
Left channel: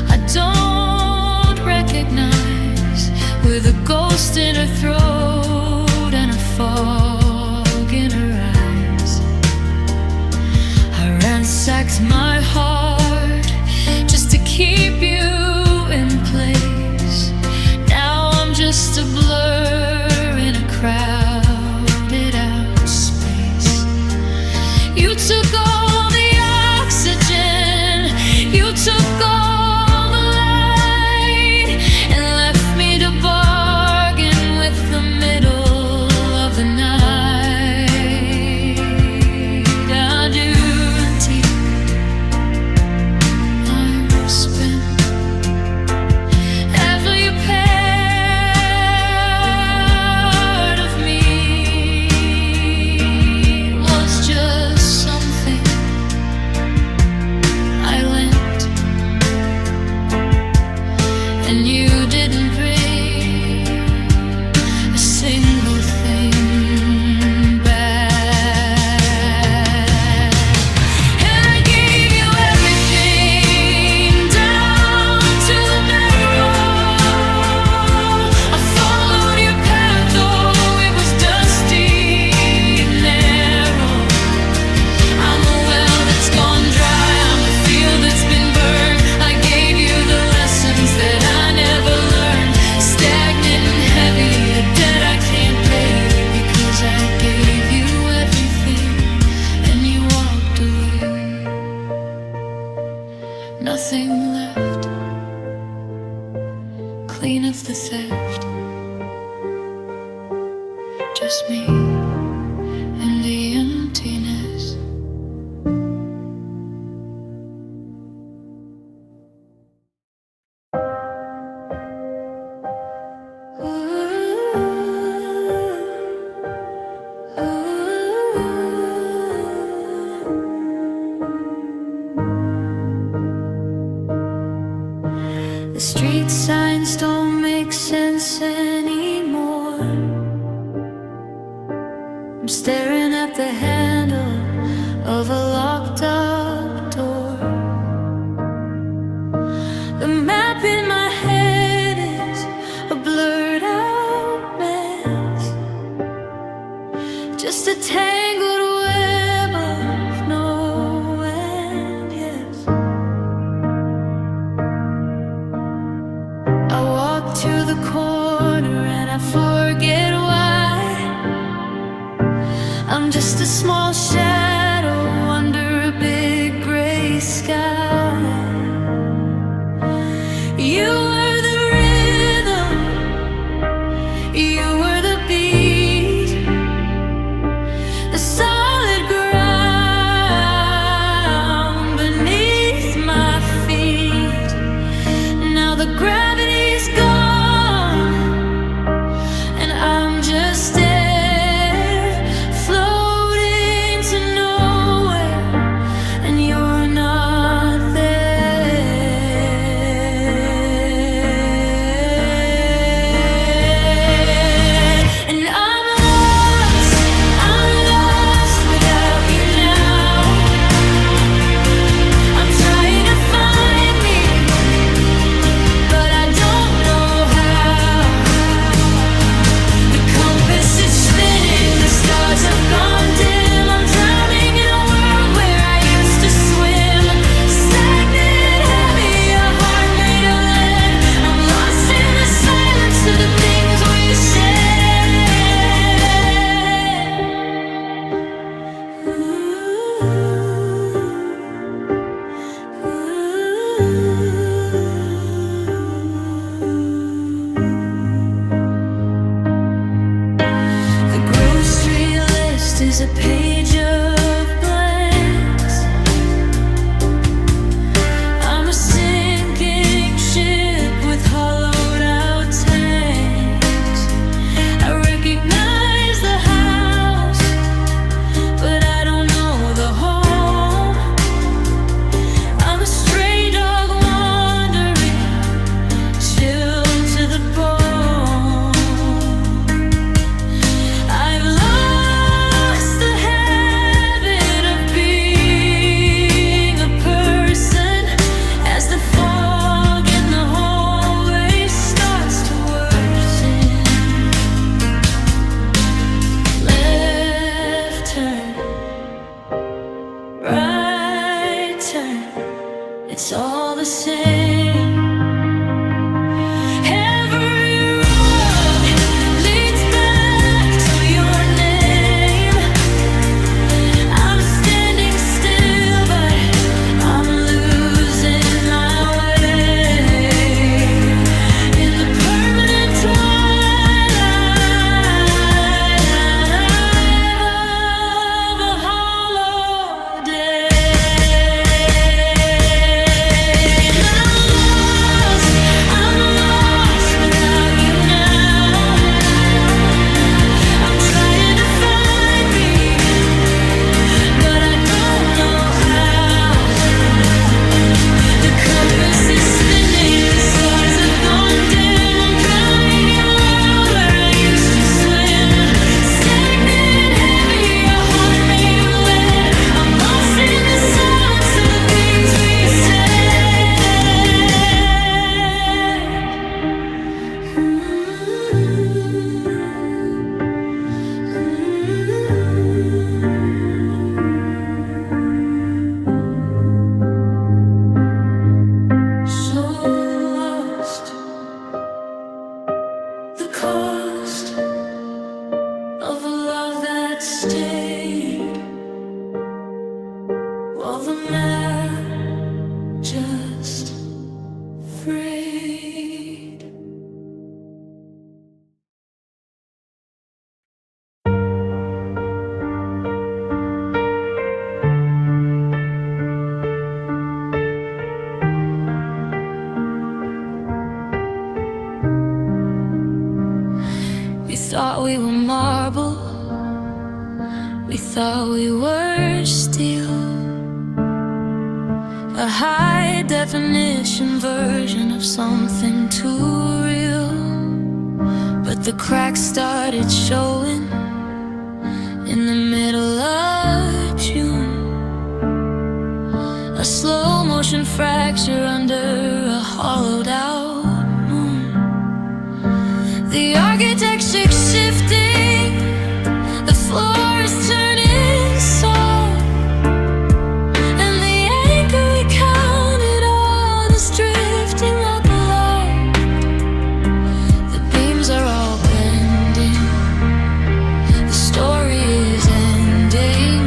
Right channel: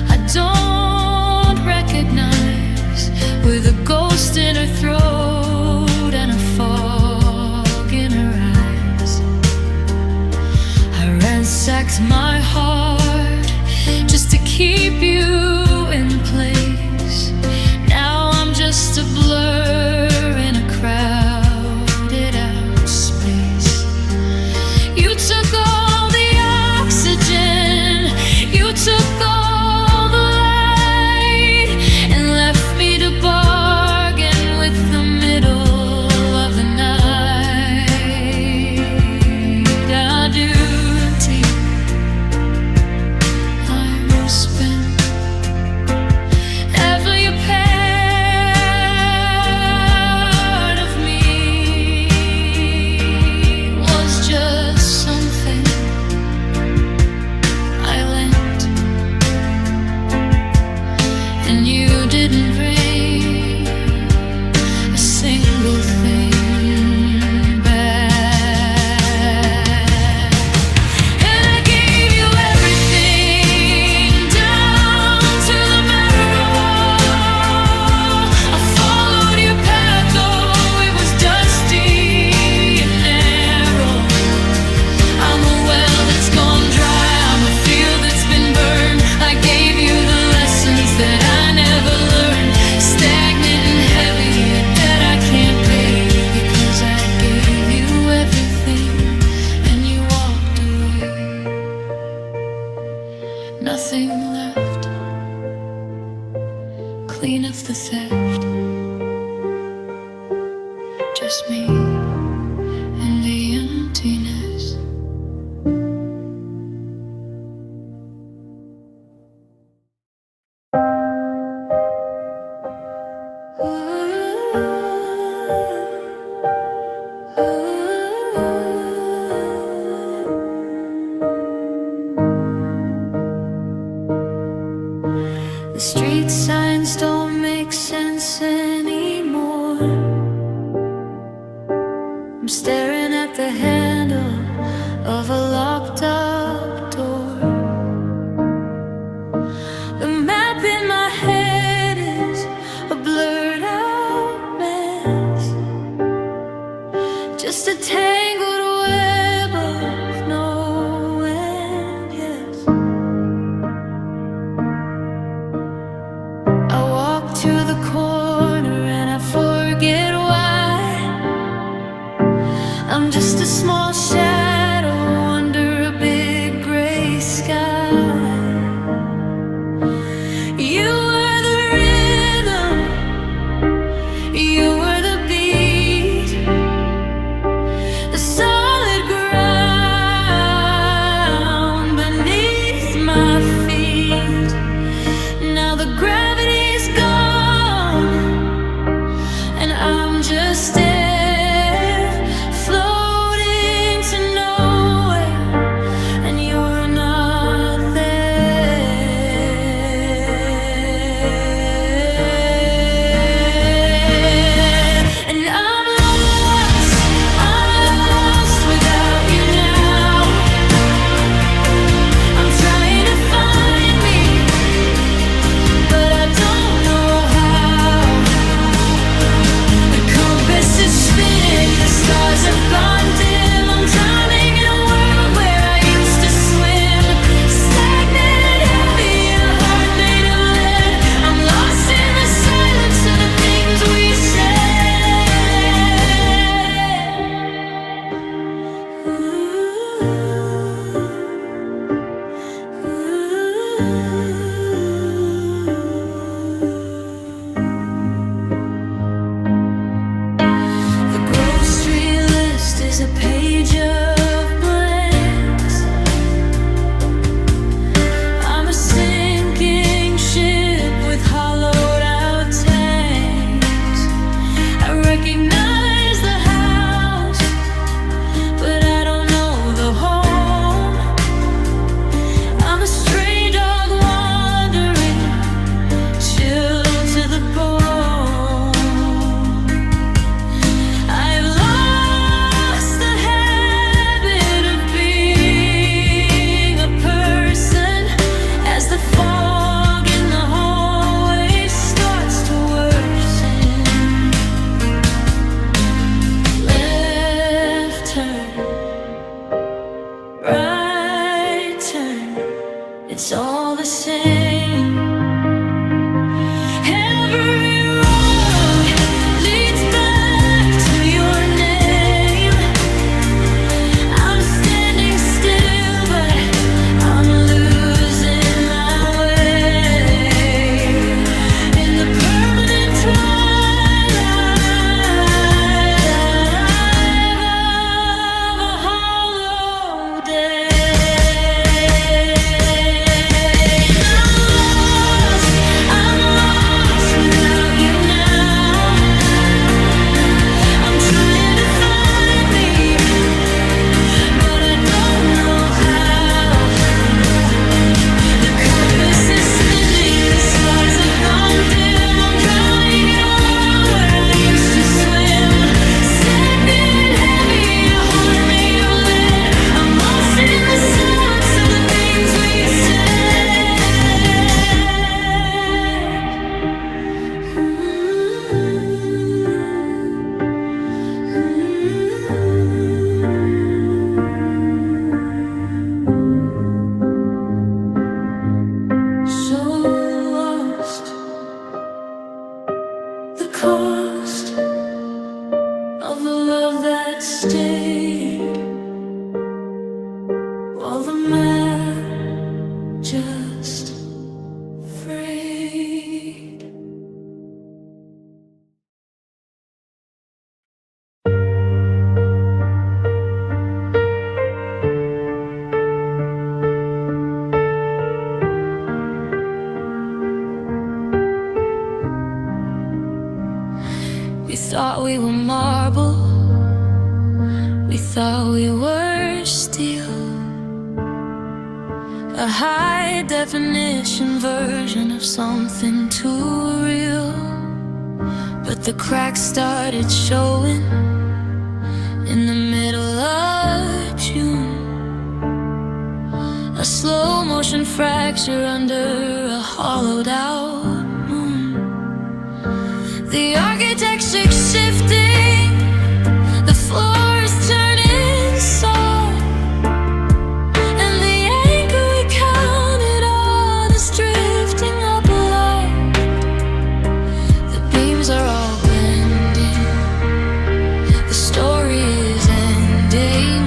I don't recognize, with a ghost in her throat and a fog in her eyes. I ransacked my heart just to keep you in place. Now I'm just just a blur in a crowded out space. You took all the oxygen, you took all the light, and left me to bargain with the middle of the night. Adieu, auntie, I'm spent. Every part of me was just something I lent, and you didn't bring a single thing back. And I gave you everything down to the marrow. I followed your path, though it was dusty and narrow. I'm a well that's gone dry, I'm a field that's been burned. I gave you the lessons that I never learned. Stagnant and heavy, a debt I can't pay, because I gave you everything and you walked away. Nothing left, clean of the theft. Just me and the emptiness. The street signs don't make sense anymore. I'm staring at the handle of a locked up door. The map in my head is a blurred out mess, just a tangled web of no end, yes. I walk to the corner and I forget why. I'm just a small shadow under a big gray sky. You were the rhythm, you were the beat, the solid ground beneath my feet. Now the gravity's gone and I'm just there, floating to nowhere, and you're not there. And I'm lost without you now. I'm trying to find me, but I don't know how. The compass is spinning, the stars have gone dim. I'm drowning in a world where I used to swim. Stagnant, heavy, a heart made of lead. I'm lost in the silence of the things we said. The grocery list is a page of blanks. I'm a sinking ship with hollowed out tanks. I recognize the house, but I don't know the home. I'm a stray dog wandering, chill to the bone. I've lost the habit of being a person as the fog in the hallway starts to worsen. Left turn, right turn, it's all the same. Every road of a love that stayed, while the man just frayed. We thought we were marble, we thought we were steel, a high-definition version of something too real. But the cracks started showing in the middle of June, a slow-motion fracture under a hollowed-out moon. The architecture's shifting, the floor is turning soft, and the anchor we counted on is drifting up aloft. The beams are all bending, the story is ending,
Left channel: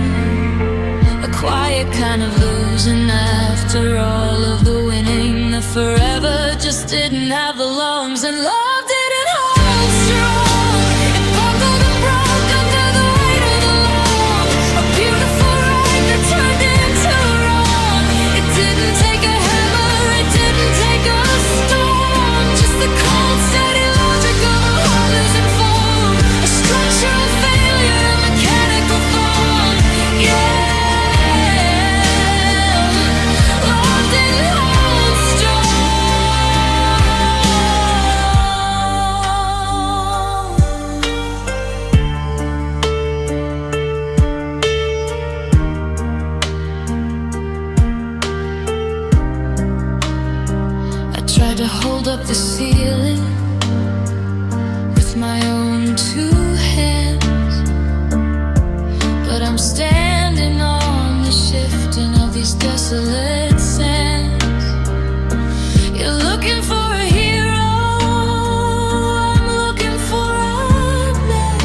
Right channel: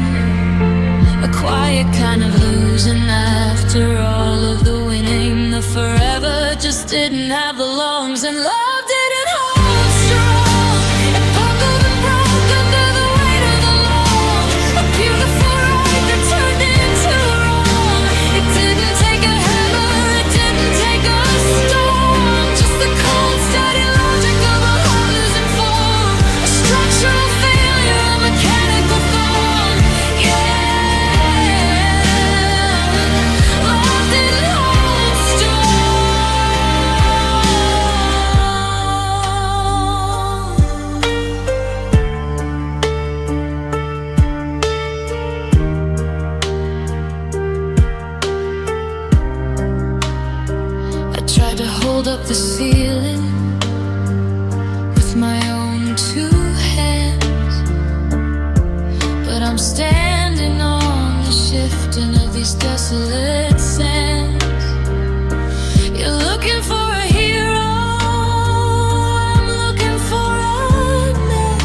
a quiet kind of losing after all of the winning. The forever just didn't have the lungs, and love didn't hold strong. It buckled and broke under the weight of the long, a beautiful ride that turned into wrong. It didn't take a hammer, it didn't take a storm, just the cold, steady logic of a heart losing form, a structural failure, a mechanical thong. Yeah, love didn't hold strong. I tried to hold up the ceiling with my own two hands, but I'm standing on the shifting of these desolate sands. You're looking for a hero, I'm looking for a net,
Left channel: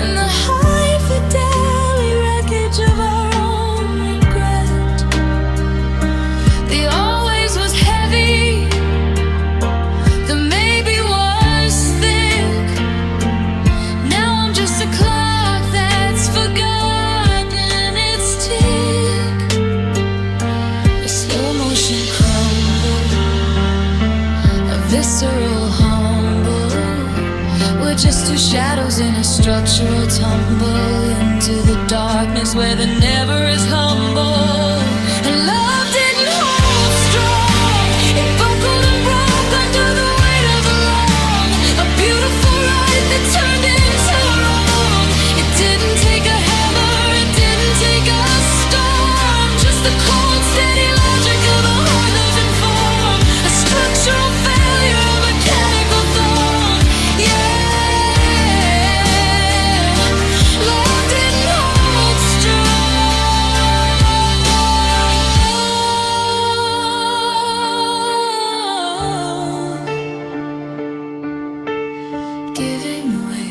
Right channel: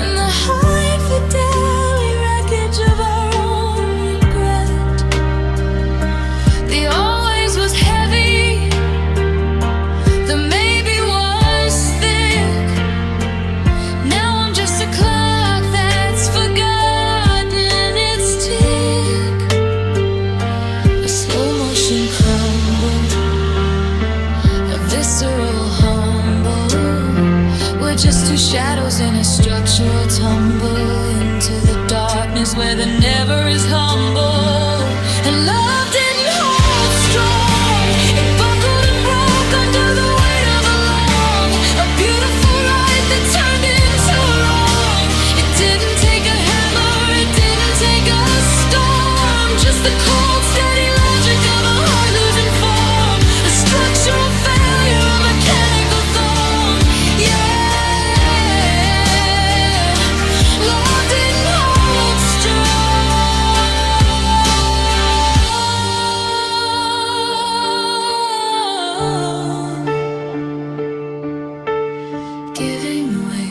in the high fidelity wreckage of our own regret. The always was heavy, the maybe was thick. Now I'm just a clock that's forgotten its tick, a slow motion crumble, a visceral humble. We're just two shadows in a structural tumble into the darkness where the never is humble. And love didn't hold strong, it buckled and broke under the weight of the long, a beautiful ride that turned into wrong. It didn't take a hammer, it didn't take a storm, just the cold, steady logic of a heart losing form, a structural failure, a mechanical thong. Yeah, love didn't hold strong, giving way.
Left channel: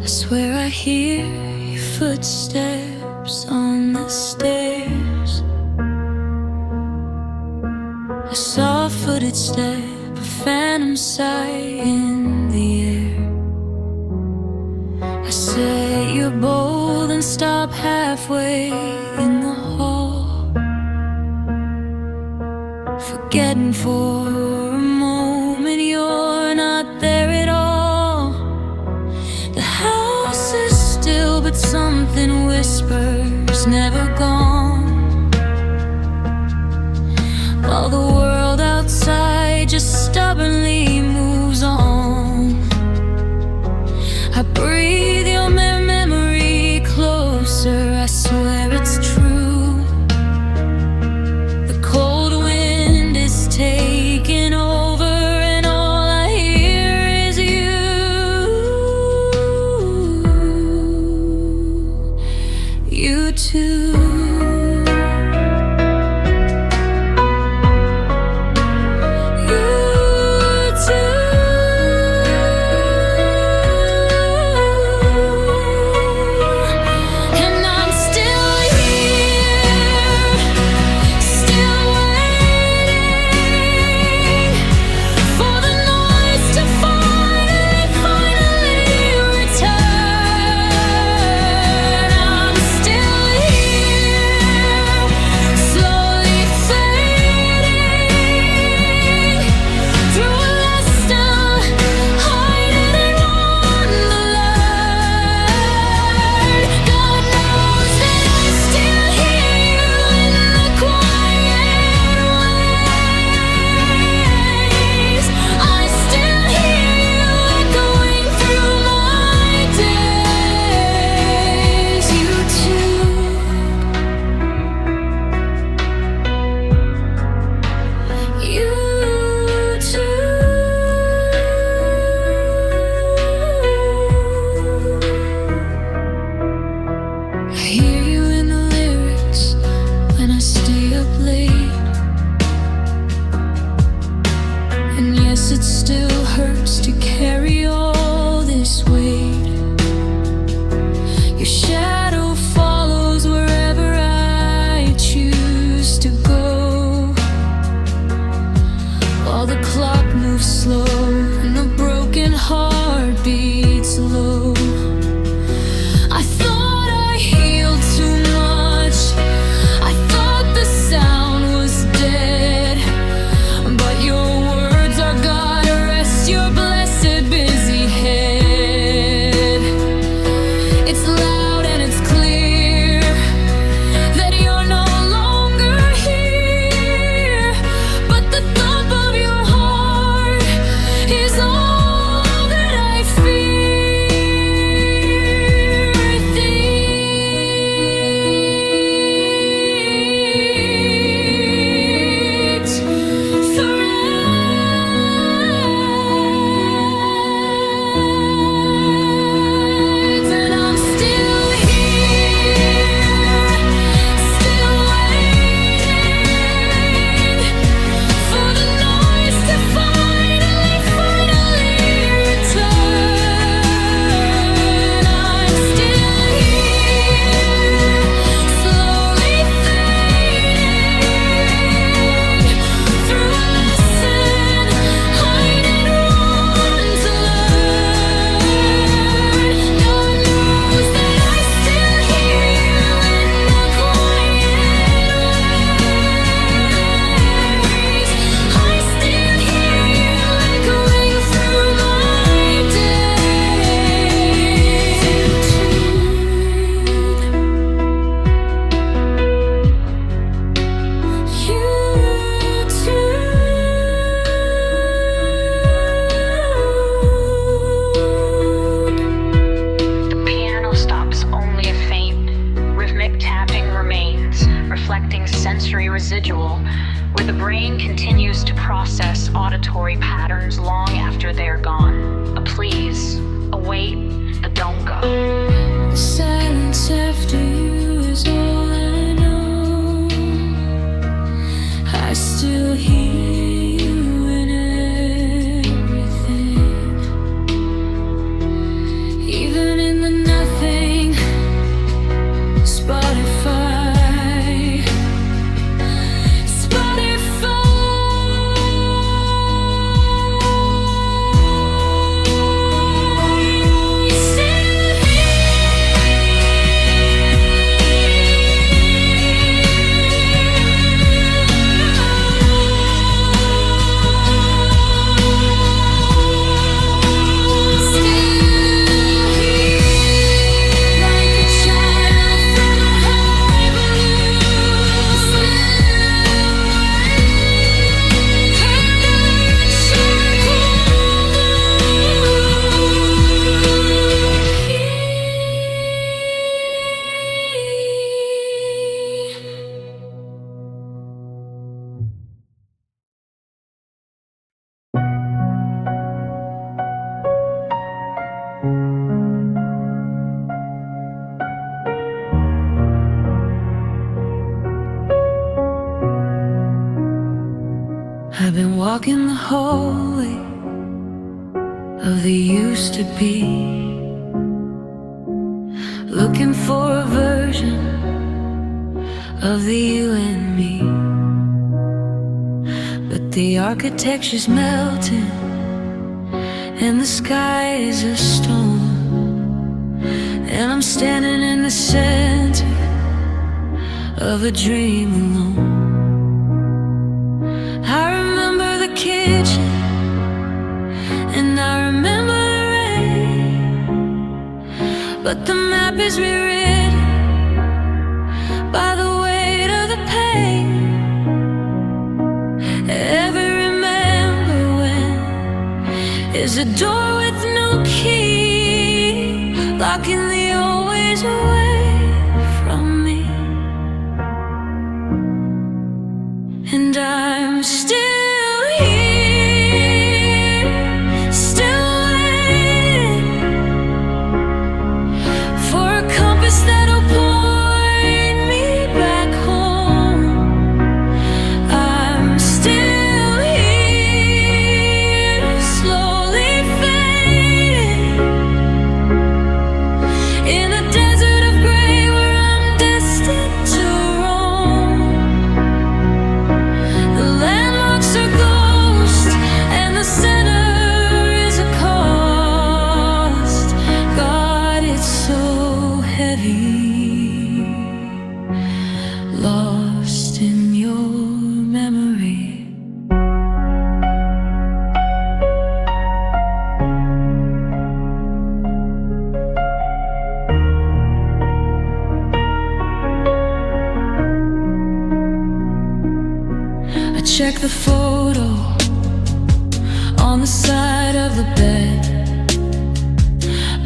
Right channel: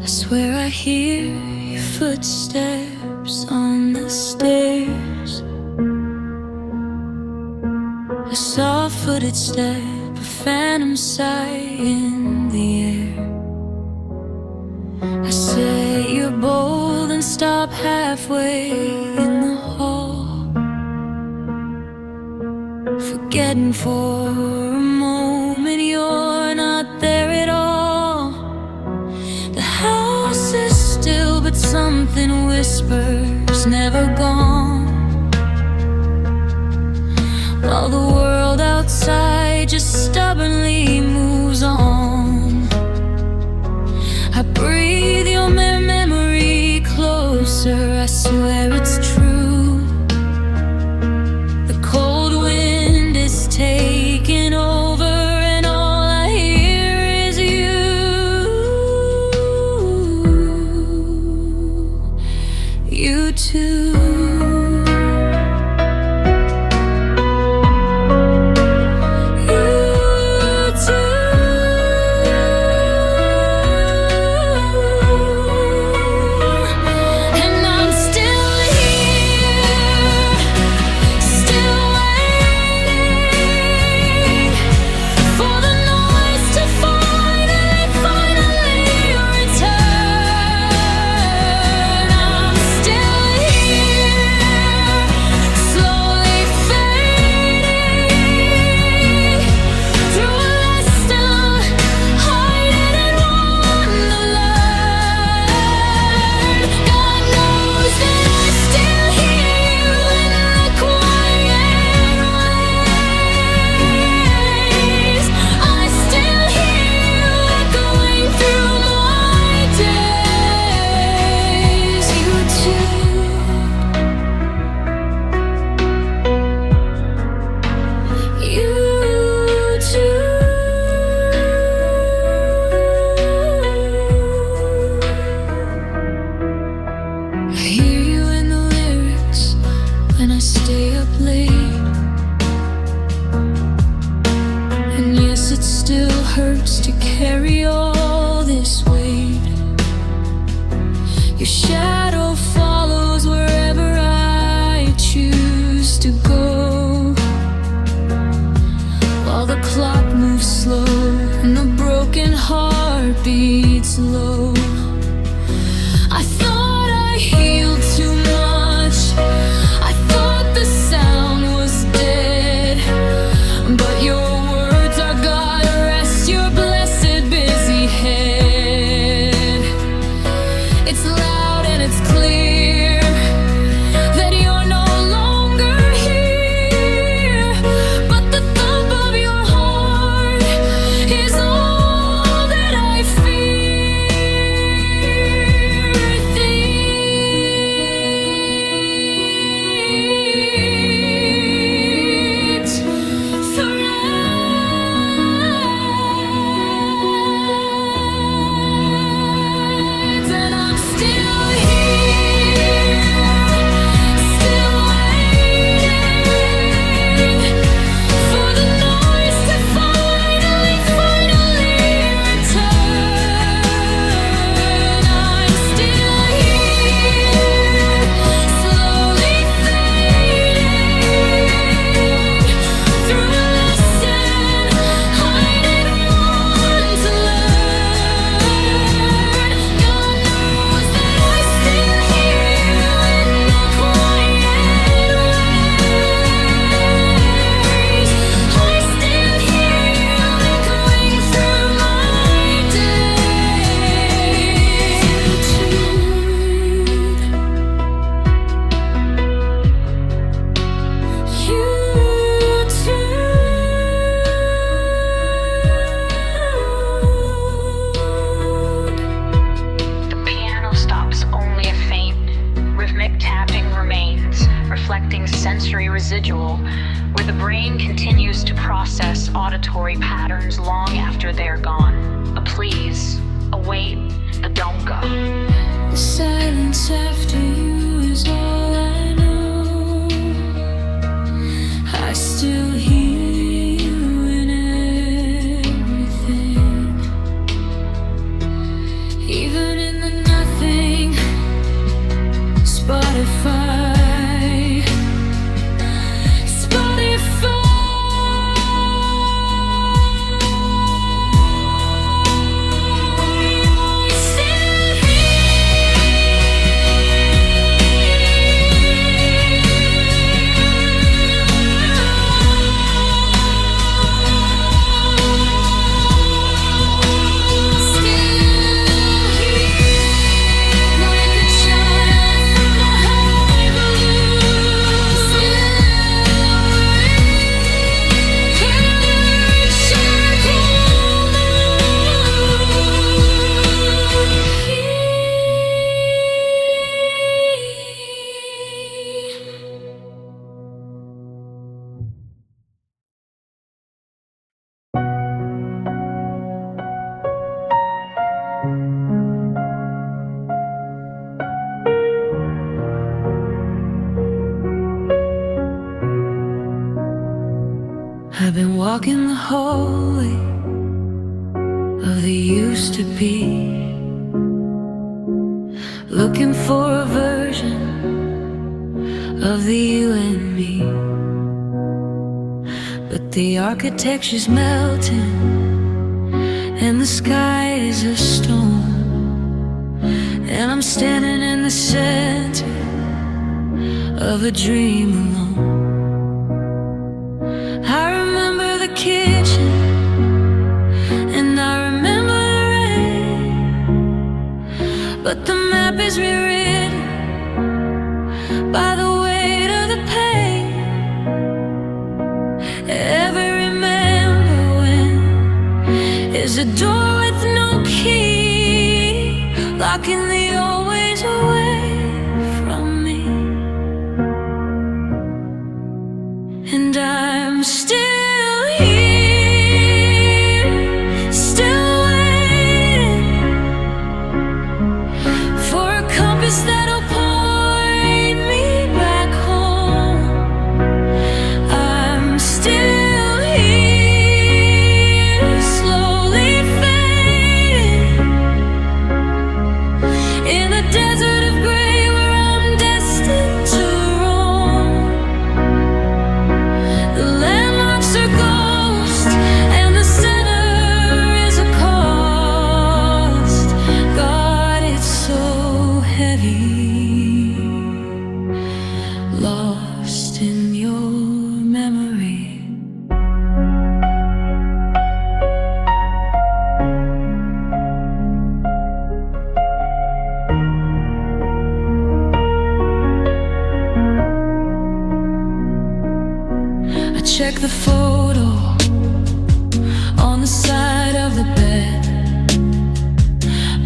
I swear I hear your footsteps on the stairs, a soft-footed step, a phantom sigh in the air. I say you're bold and stop halfway in the hall, forgetting for a moment you're not there at all. The house is still, but something whispers never gone, while the world outside just stubbornly moves on. I breathe your memory it's true. The cold wind is taking over, and all I hear is you too. I hear you in the lyrics when I stay up late. And yes, it still hurts to carry all this weight. Your shadow follows wherever I choose to go, while the clock moves slow and a broken heart beats low. I thought I healed too much, I thought the sound was dead, but your words are God, rest your blessed busy head. It's loud and it's clear that you're no longer here, but the thump of your heart is all that I fear. And I'm still here, still waiting for the noise to finally return. I'm still here, slowly fading through a lesson I didn't want to learn. God knows that I still hear you in the quiet ways. I still hear you echoing through my days. You The piano stops, only a faint, rhythmic tapping remains, reflecting sensory residual, where the brain continues to process auditory patterns long after they're gone. A please, a wait, a don't go. The silence after you is all I know. I still hear you in everything, even in the nothing. Spotify. I still hear I've been walking the hallway of the used to be, looking for a version of the you and me. But the architecture's melting and the sky is a stone, and I'm standing in the center of a dream alone. I remember the kitchen, and I remember the rain, but the map is rewritten by the weight of the pain. Ever remember when is a door with no key, locking the old ways away from me? And I'm still here, still waiting for a compass that'll point me back home. I'm still here, slowly fading in a desert of gray where I'm destined to roam. The landmarks are ghosts, and the center is a cost. God, it's so heavy, lost in your memory. I check the photo on the side of the bed,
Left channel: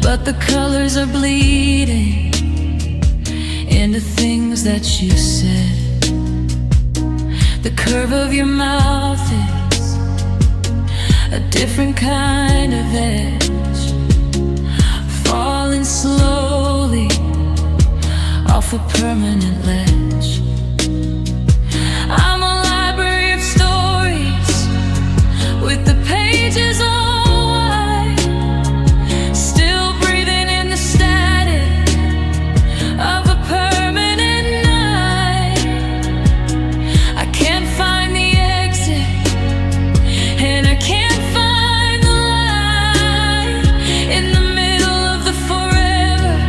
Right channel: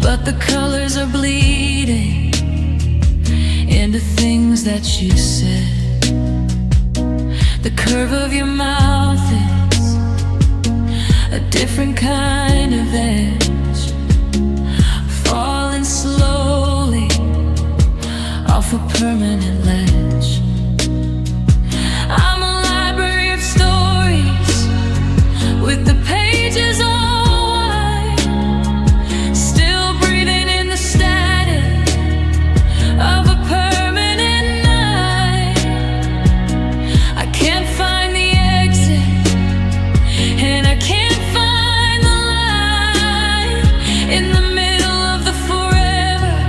but the colors are bleeding into things that you said. The curve of your mouth is a different kind of edge, falling slowly off a permanent ledge. I'm a library of stories with the pages all white, still breathing in the static of a permanent night. I can't find the exit, and I can't find the light in the middle of the forever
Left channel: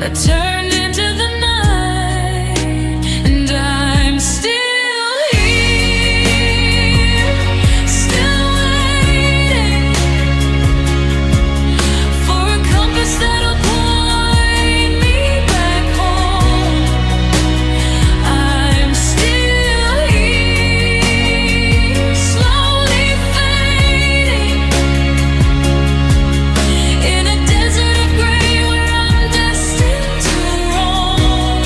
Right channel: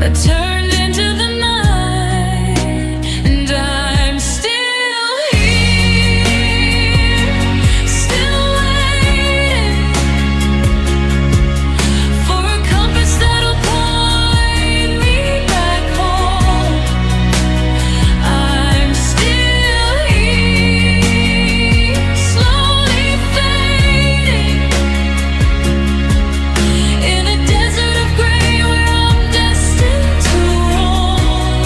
that turned into the night. And I'm still here, still waiting for a compass that'll point me back home. I'm still here, slowly fading in a desert of gray where I'm destined to roam.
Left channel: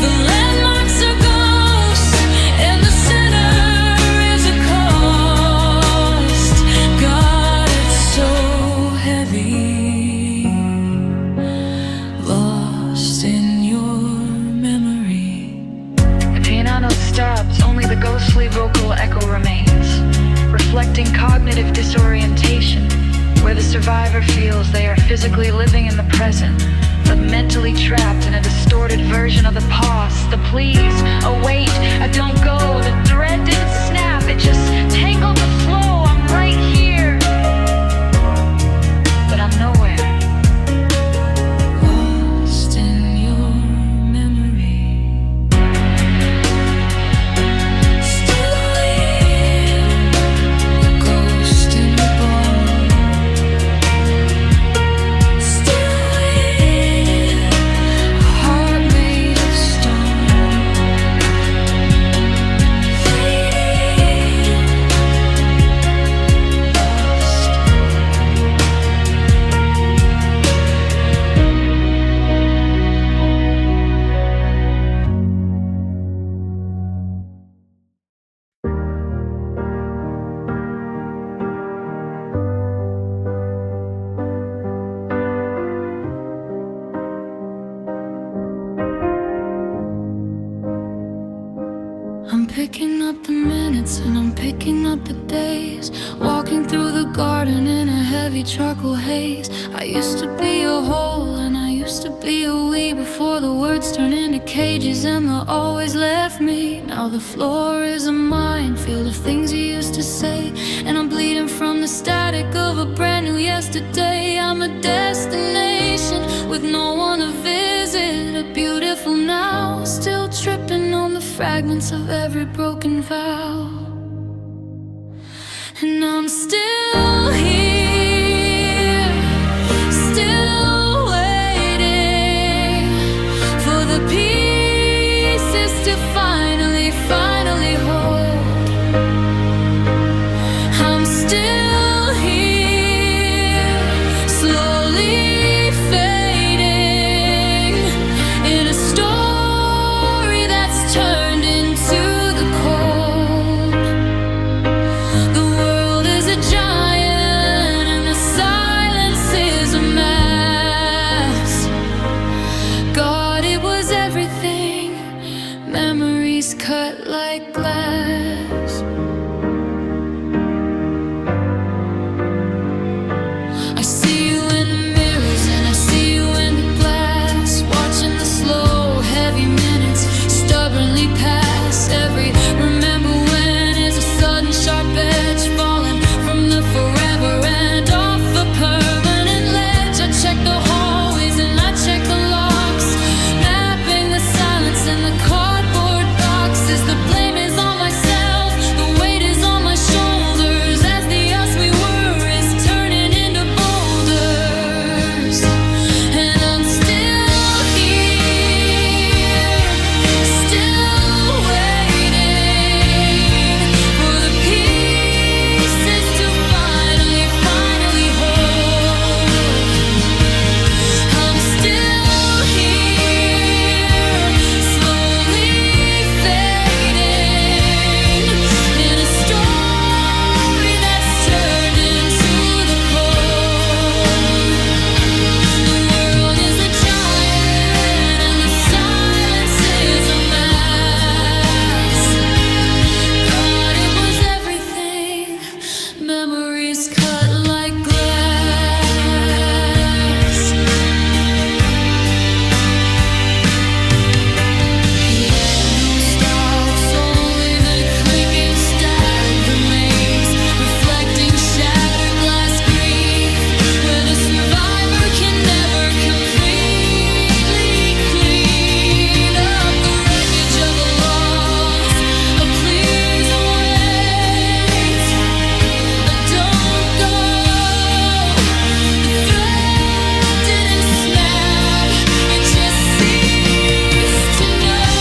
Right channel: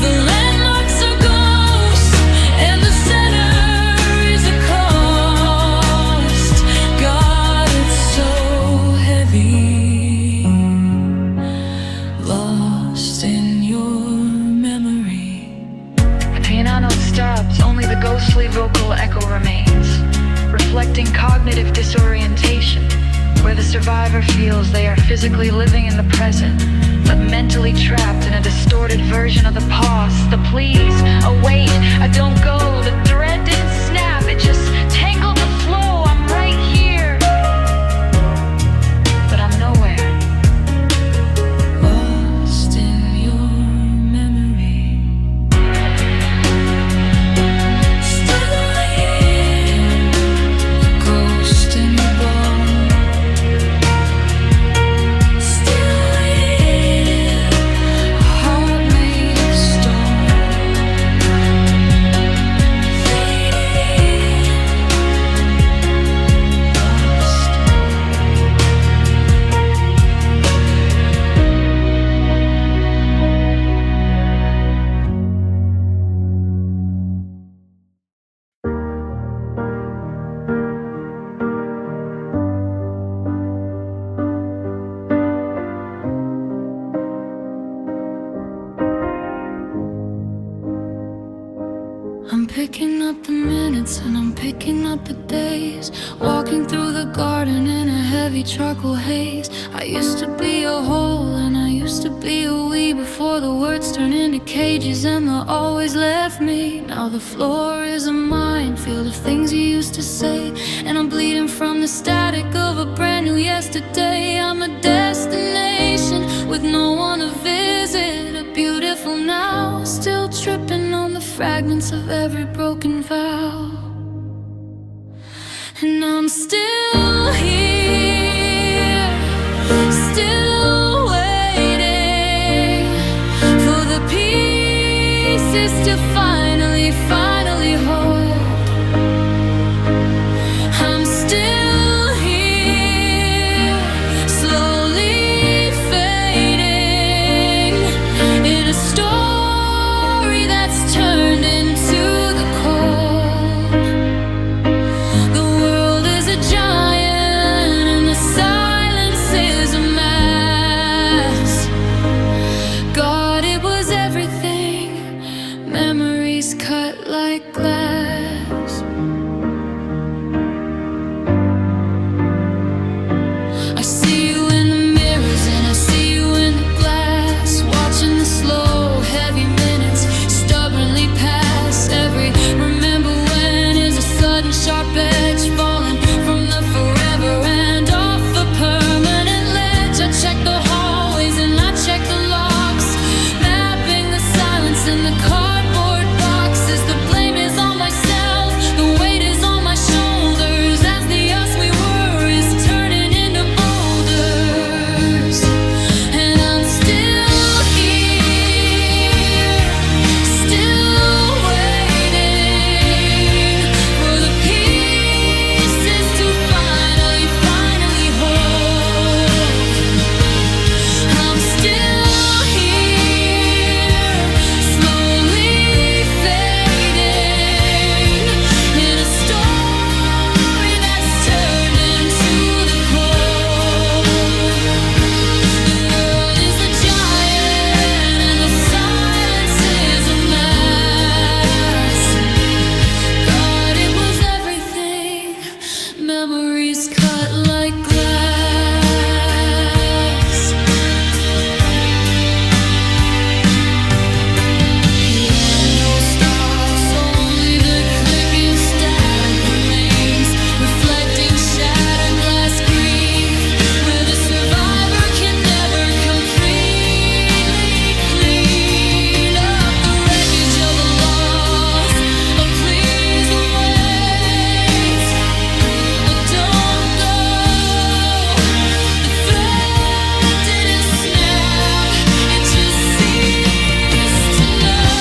The landmarks are ghosts, and the center is a cost. God, it's so heavy, lost in your memory. The piano stops, only the ghostly vocal echo remains, reflecting cognitive disorientation, where the survivor feels they are physically living in the present, but mentally trapped in a distorted version of the past. The pleas, a wait, a don't go, the thread didn't snap, it just tangled the flow. I'm right here, but I'm nowhere. Lost in your memory. Still here, a ghost in the bone. Still waiting, a heart made of stone. Fading, lost picking up the minutes and I'm picking up the days. Walking through the garden in a heavy charcoal haze. I used to be a whole and I used to be a we, before the words turned into cages and they always left me. Now the floor is a minefield of things you used to say, and I'm bleeding from the static of a brand new yesterday. I'm a destination with no one to visit, a beautiful now, still tripping on the fragments of every broken vow. And I'm still here, still waiting for the pieces to finally hold. I'm still here, slowly fading in a story that's turned into the cold. The world is a giant and the silence is a mess. God, it was everything, memories cut like glass. I see you in the mirrors and I see you in the glass, watching the slow, heavy minutes stubbornly pass. Every remember when is a sudden sharp edge, falling from the forever and off the permanent ledge. I check the hallways and I check the locks, mapping the silence in the cardboard boxes. The blame is on myself, the weight is on my shoulders, as the us we were is turning into boulders. And I'm still here, still waiting for the pieces to finally hold. I'm still here, slowly fading in a story that's turned into the cold. The world is a giant and the silence is a mess. God, it was everything, memories cut like glass. Piano stops, only the clicking static remains, reflecting shattered glass grief, where the survivor can never completely clean up the wreckage of a loss. A please wait, a don't go. The thread didn't snap, it just ceased to know.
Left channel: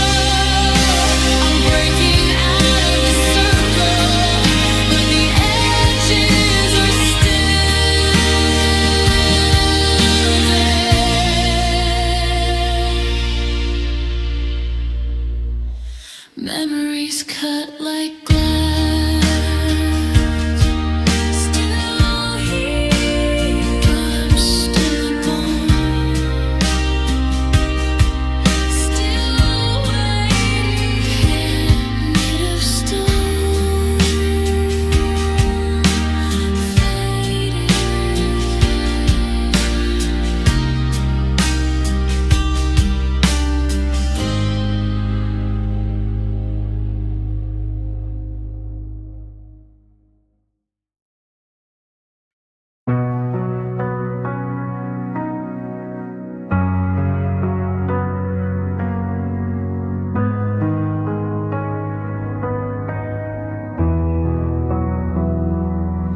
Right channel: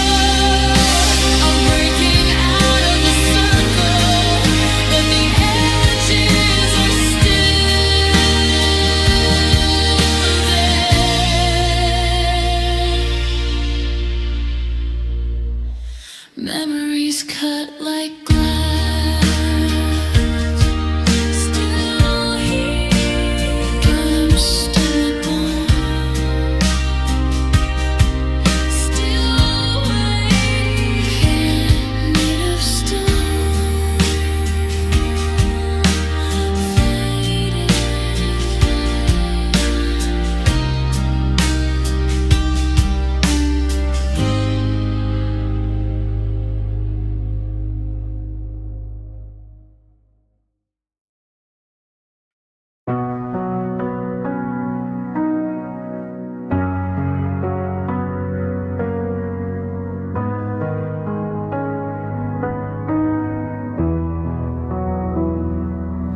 I'm breaking out of the circle, but the edges are still there. Memories cut like glass. Still here, punched in the bone. Still waiting, hand made of stone. Fading.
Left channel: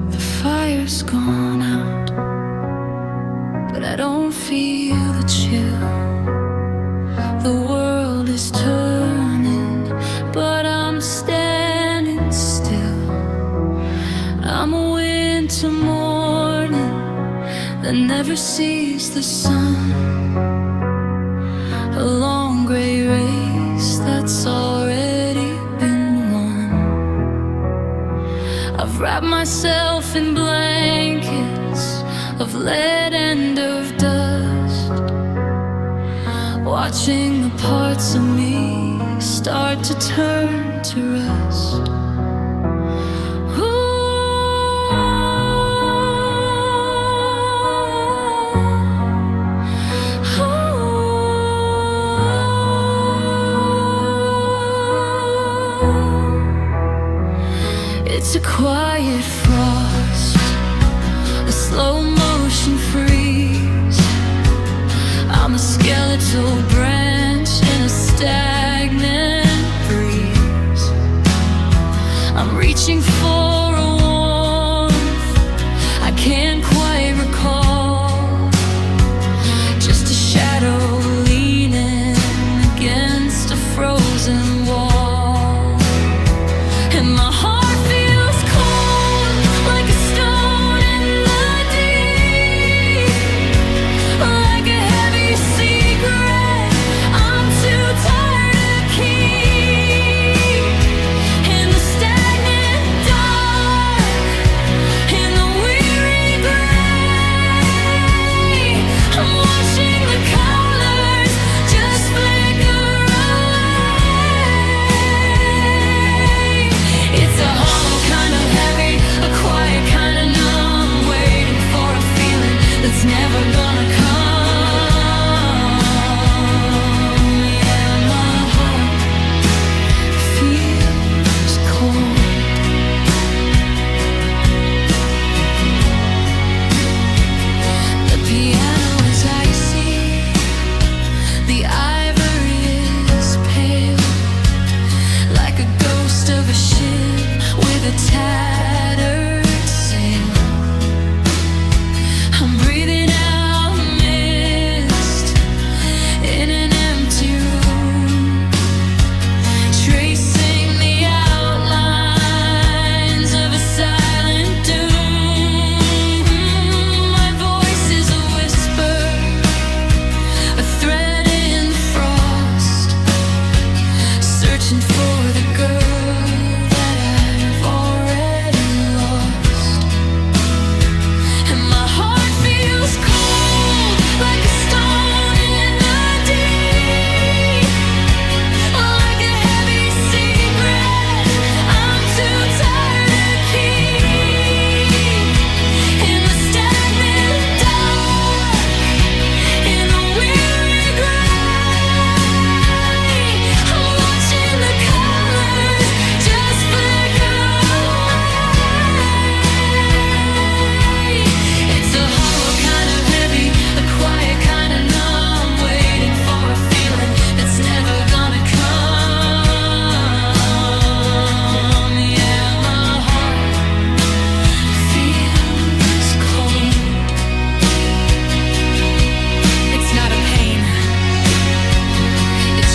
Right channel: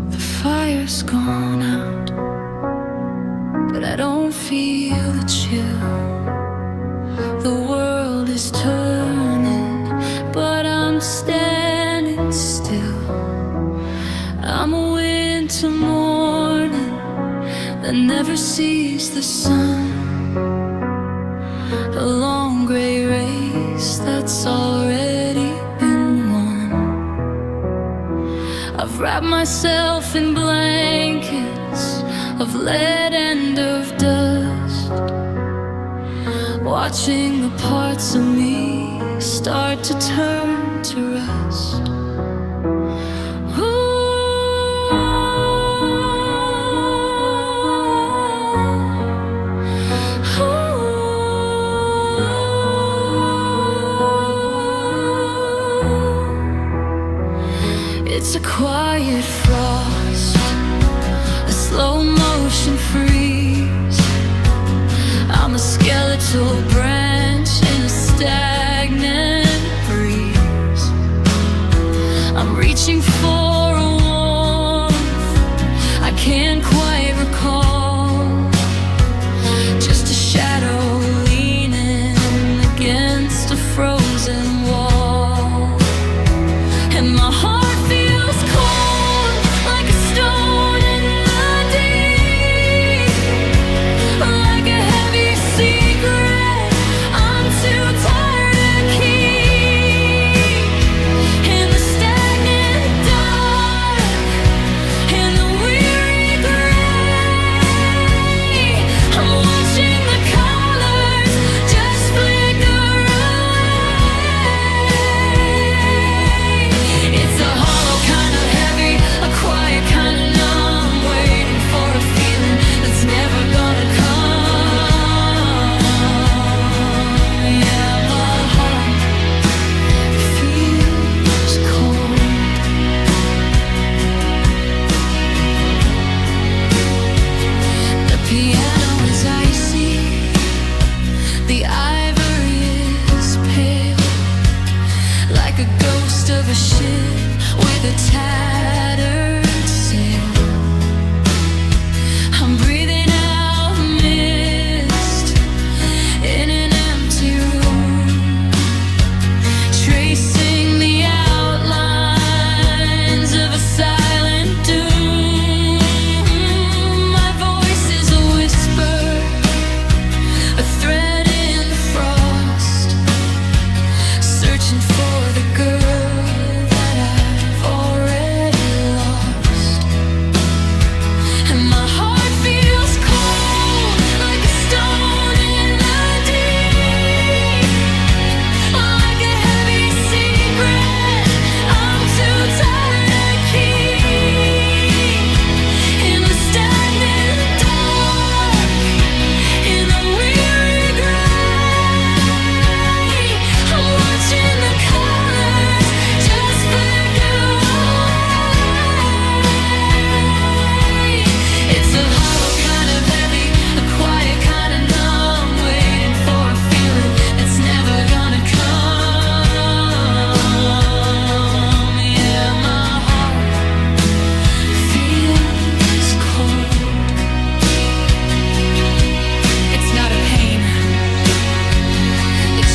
The fire's gone out, but I don't feel the chill. The world is turning, but I'm standing still. I'm a winter morning that never sees the sun, a long gray race that's already been won. I've wrapped myself in blankets of lead and of dust, watching the parts of me start to turn to rust. It's a quiet frost, a slow motion freeze. I'm a skeletal branch in a stagnant breeze. I'm reaching for a warmth I can't quite recall. Just a shadow leaning against a frozen wall. And my heart never gonna come. Yeah, my heart feels cold. The piano is icy, the ivory is pale, like a ghost of a ship with a tattered sail. I'm breathing out mist in an empty room, tracing the outlines of a silent doom. My voice is a whisper, a thread in the frost, searching for the girl that I've already lost. And my heart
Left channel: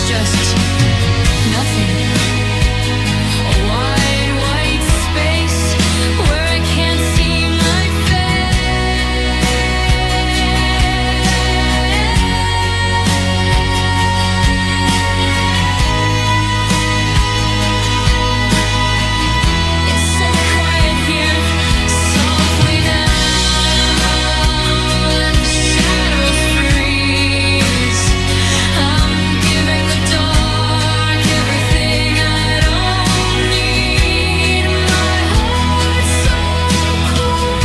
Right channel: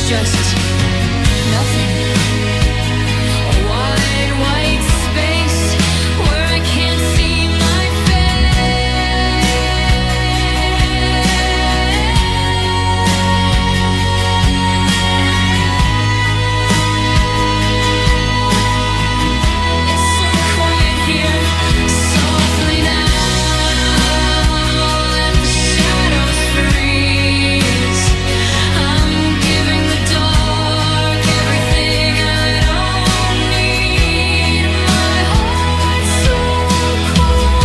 just nothing. A wide white space where I can't see my face. It's so quiet here, softly now, let the shadows freeze. I'm giving the dark everything I don't need. My heart's so cold.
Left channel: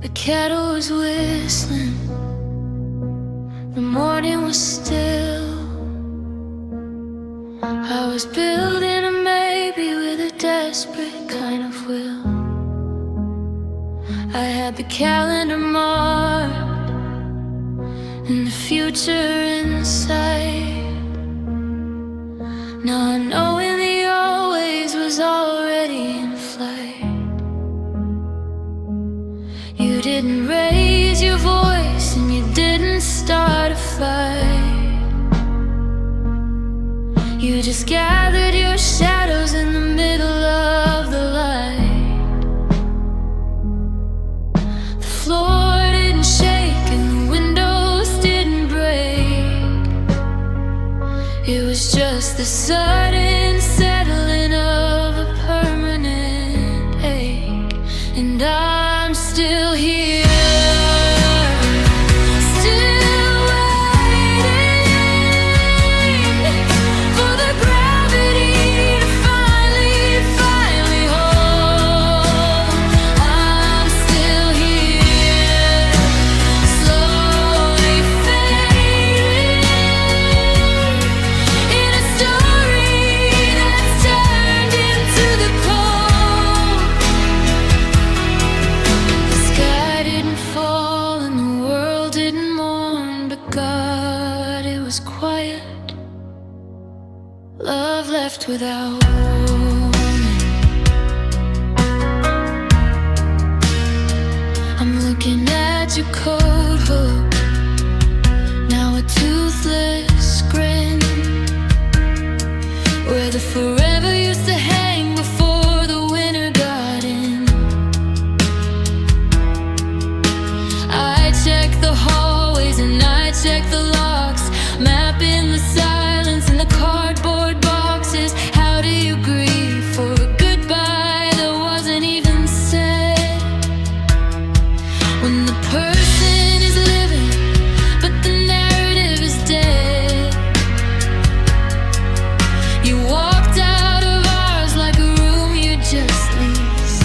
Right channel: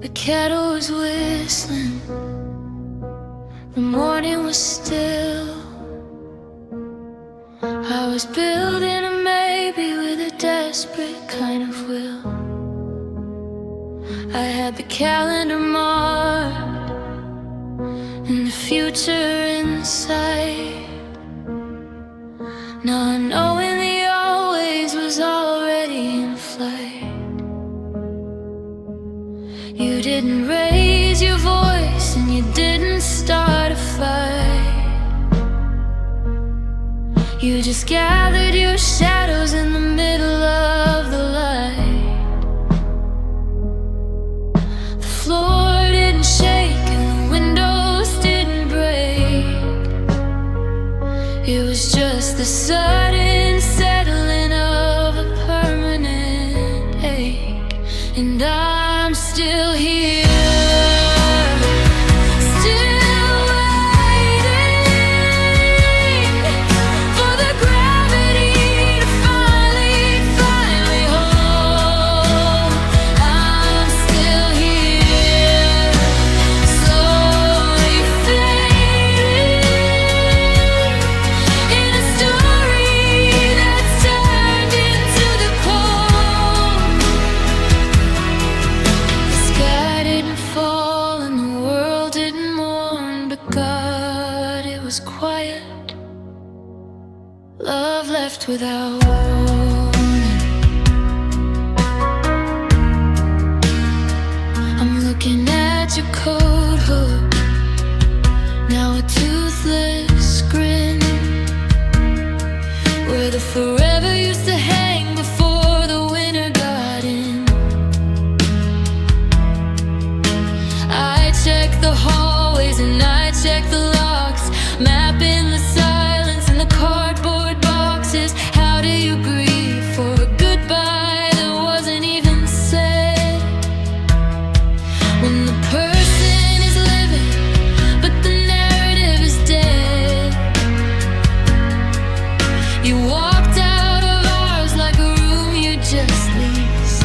The kettle was whistling, the morning was still. I was building a maybe with a desperate kind of will. I had the calendar marked and the future in sight. Not knowing the always was already in flight. You didn't raise your voice and you didn't start a fight. You just gathered your shadows in the middle of the light. The floor didn't shake and the windows didn't break. It was just the sudden settling of a permanent ache. And I'm still here, love left without warning. I'm looking at your coat hook, now a toothless grin, where the forever used to hang before the winter got in. I check the hallways and I check the locks, mapping the silence in the cardboard boxes. How do you grieve for a goodbye that wasn't even said? When the person is living, but the narrative is dead. You walked out of ours like a room you just leased,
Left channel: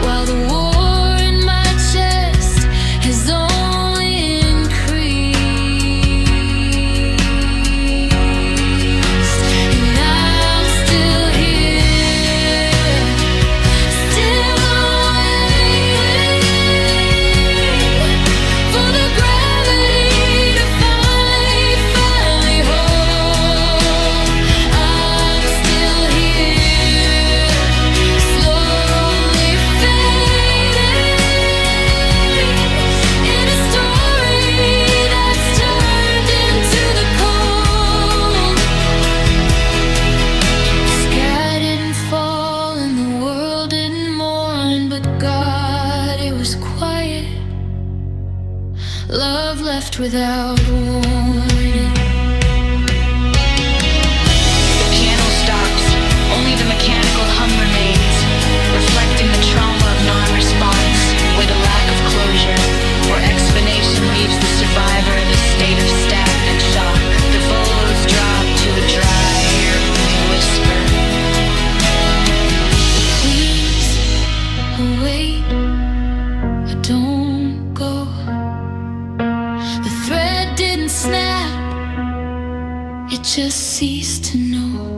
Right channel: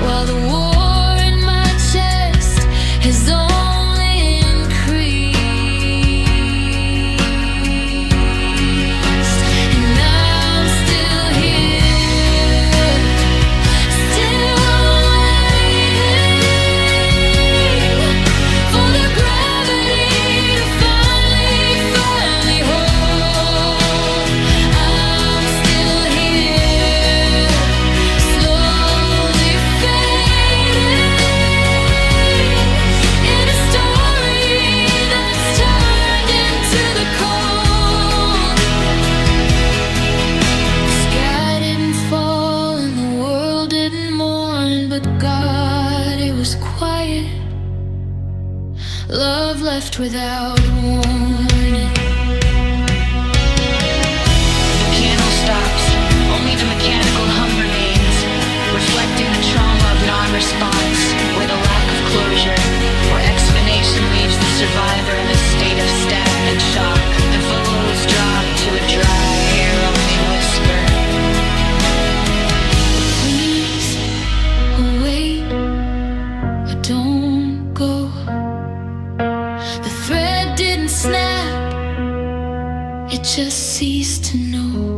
while the war in my chest has only increased. And I'm still here, still waiting for the gravity to finally hold. I'm still here, slowly fading in a story that's turned into the cold. The sky didn't fall and the world didn't mourn, but God, it was quiet. Love left without warning. The piano stops, only the mechanical hum remains, reflecting the trauma of non-response, where the lack of closure or explanation leaves the survivor in a state of stagnant shock. The vocals drop to a dry, air-only whisper. Please, wait, don't go. The thread didn't snap, it just ceased to know.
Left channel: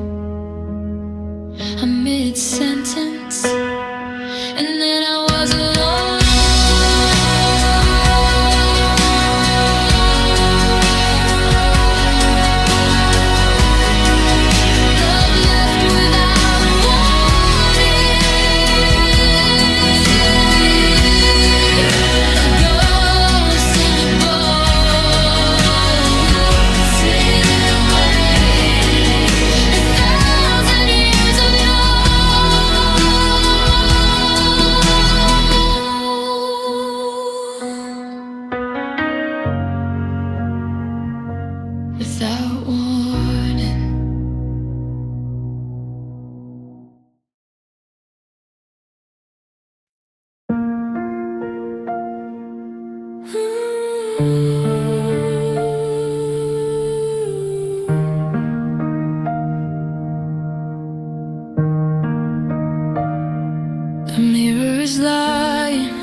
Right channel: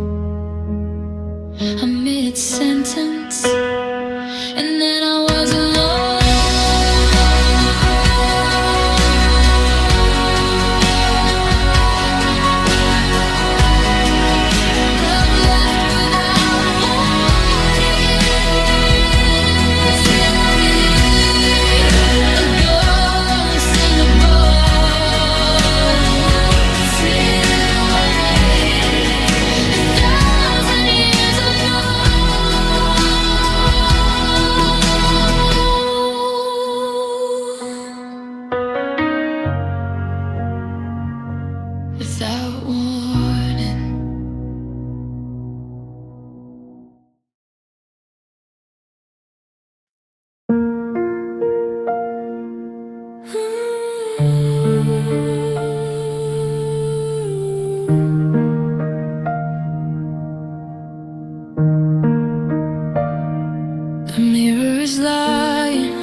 A mid-sentence, and then I was alone. Love left without warning, a ghost in the bone, 1,000 years of no. Without warning. The mirror is lying,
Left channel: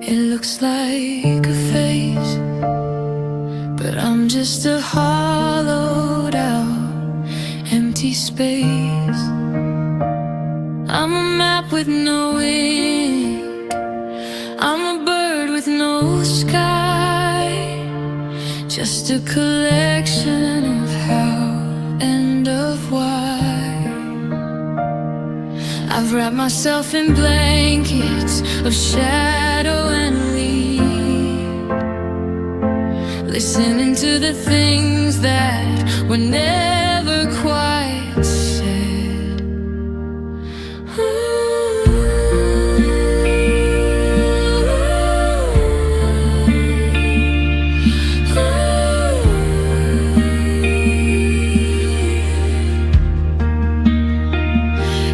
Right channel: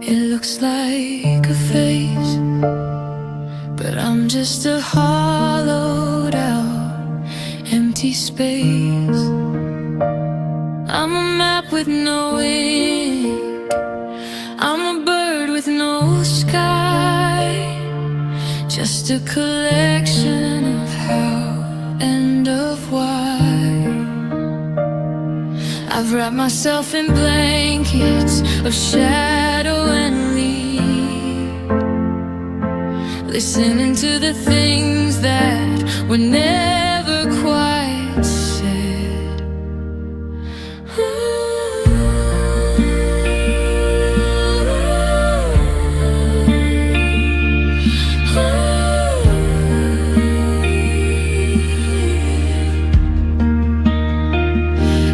it looks like a face, but I'm just a hollowed out, empty space. I'm a map with no ink, I'm a bird with no sky, just a collection of how and of why. I've wrapped myself in blankets of shadow and lead, listening to the things that were never quite said.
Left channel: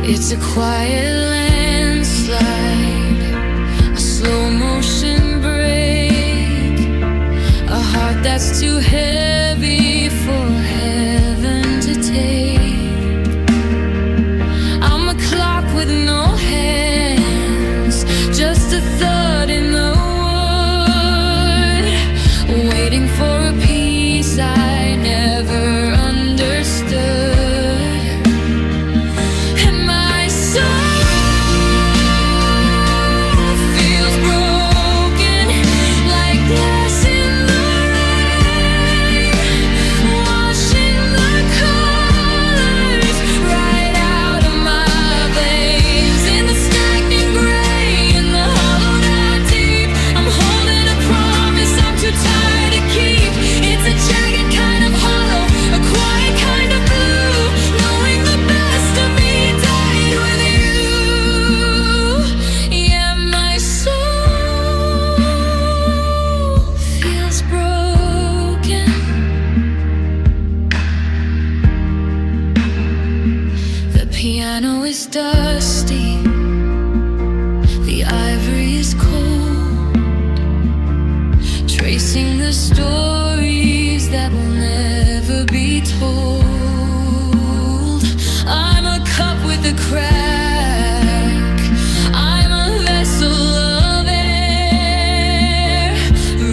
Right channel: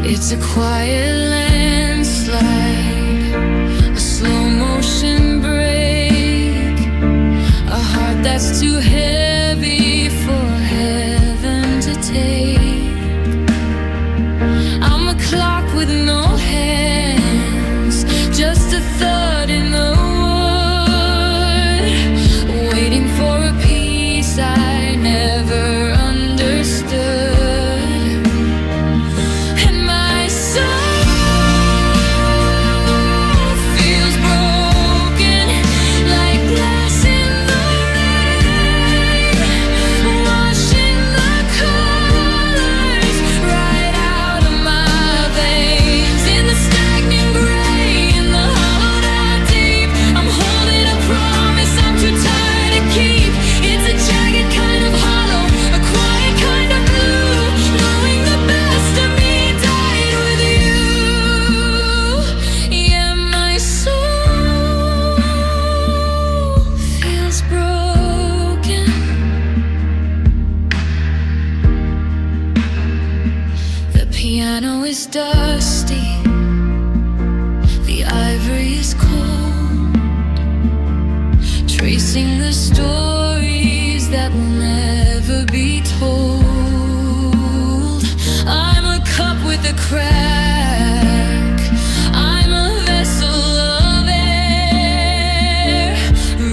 It's a quiet landslide, a slow motion break, a heart that's too heavy for heaven to take. I'm a clock with no hands, just a thud in the wood, waiting for a piece I never understood. Piano is dusty, the ivory is cold, tracing the stories that will never be told. I'm a cup with a crack, I'm a vessel of air,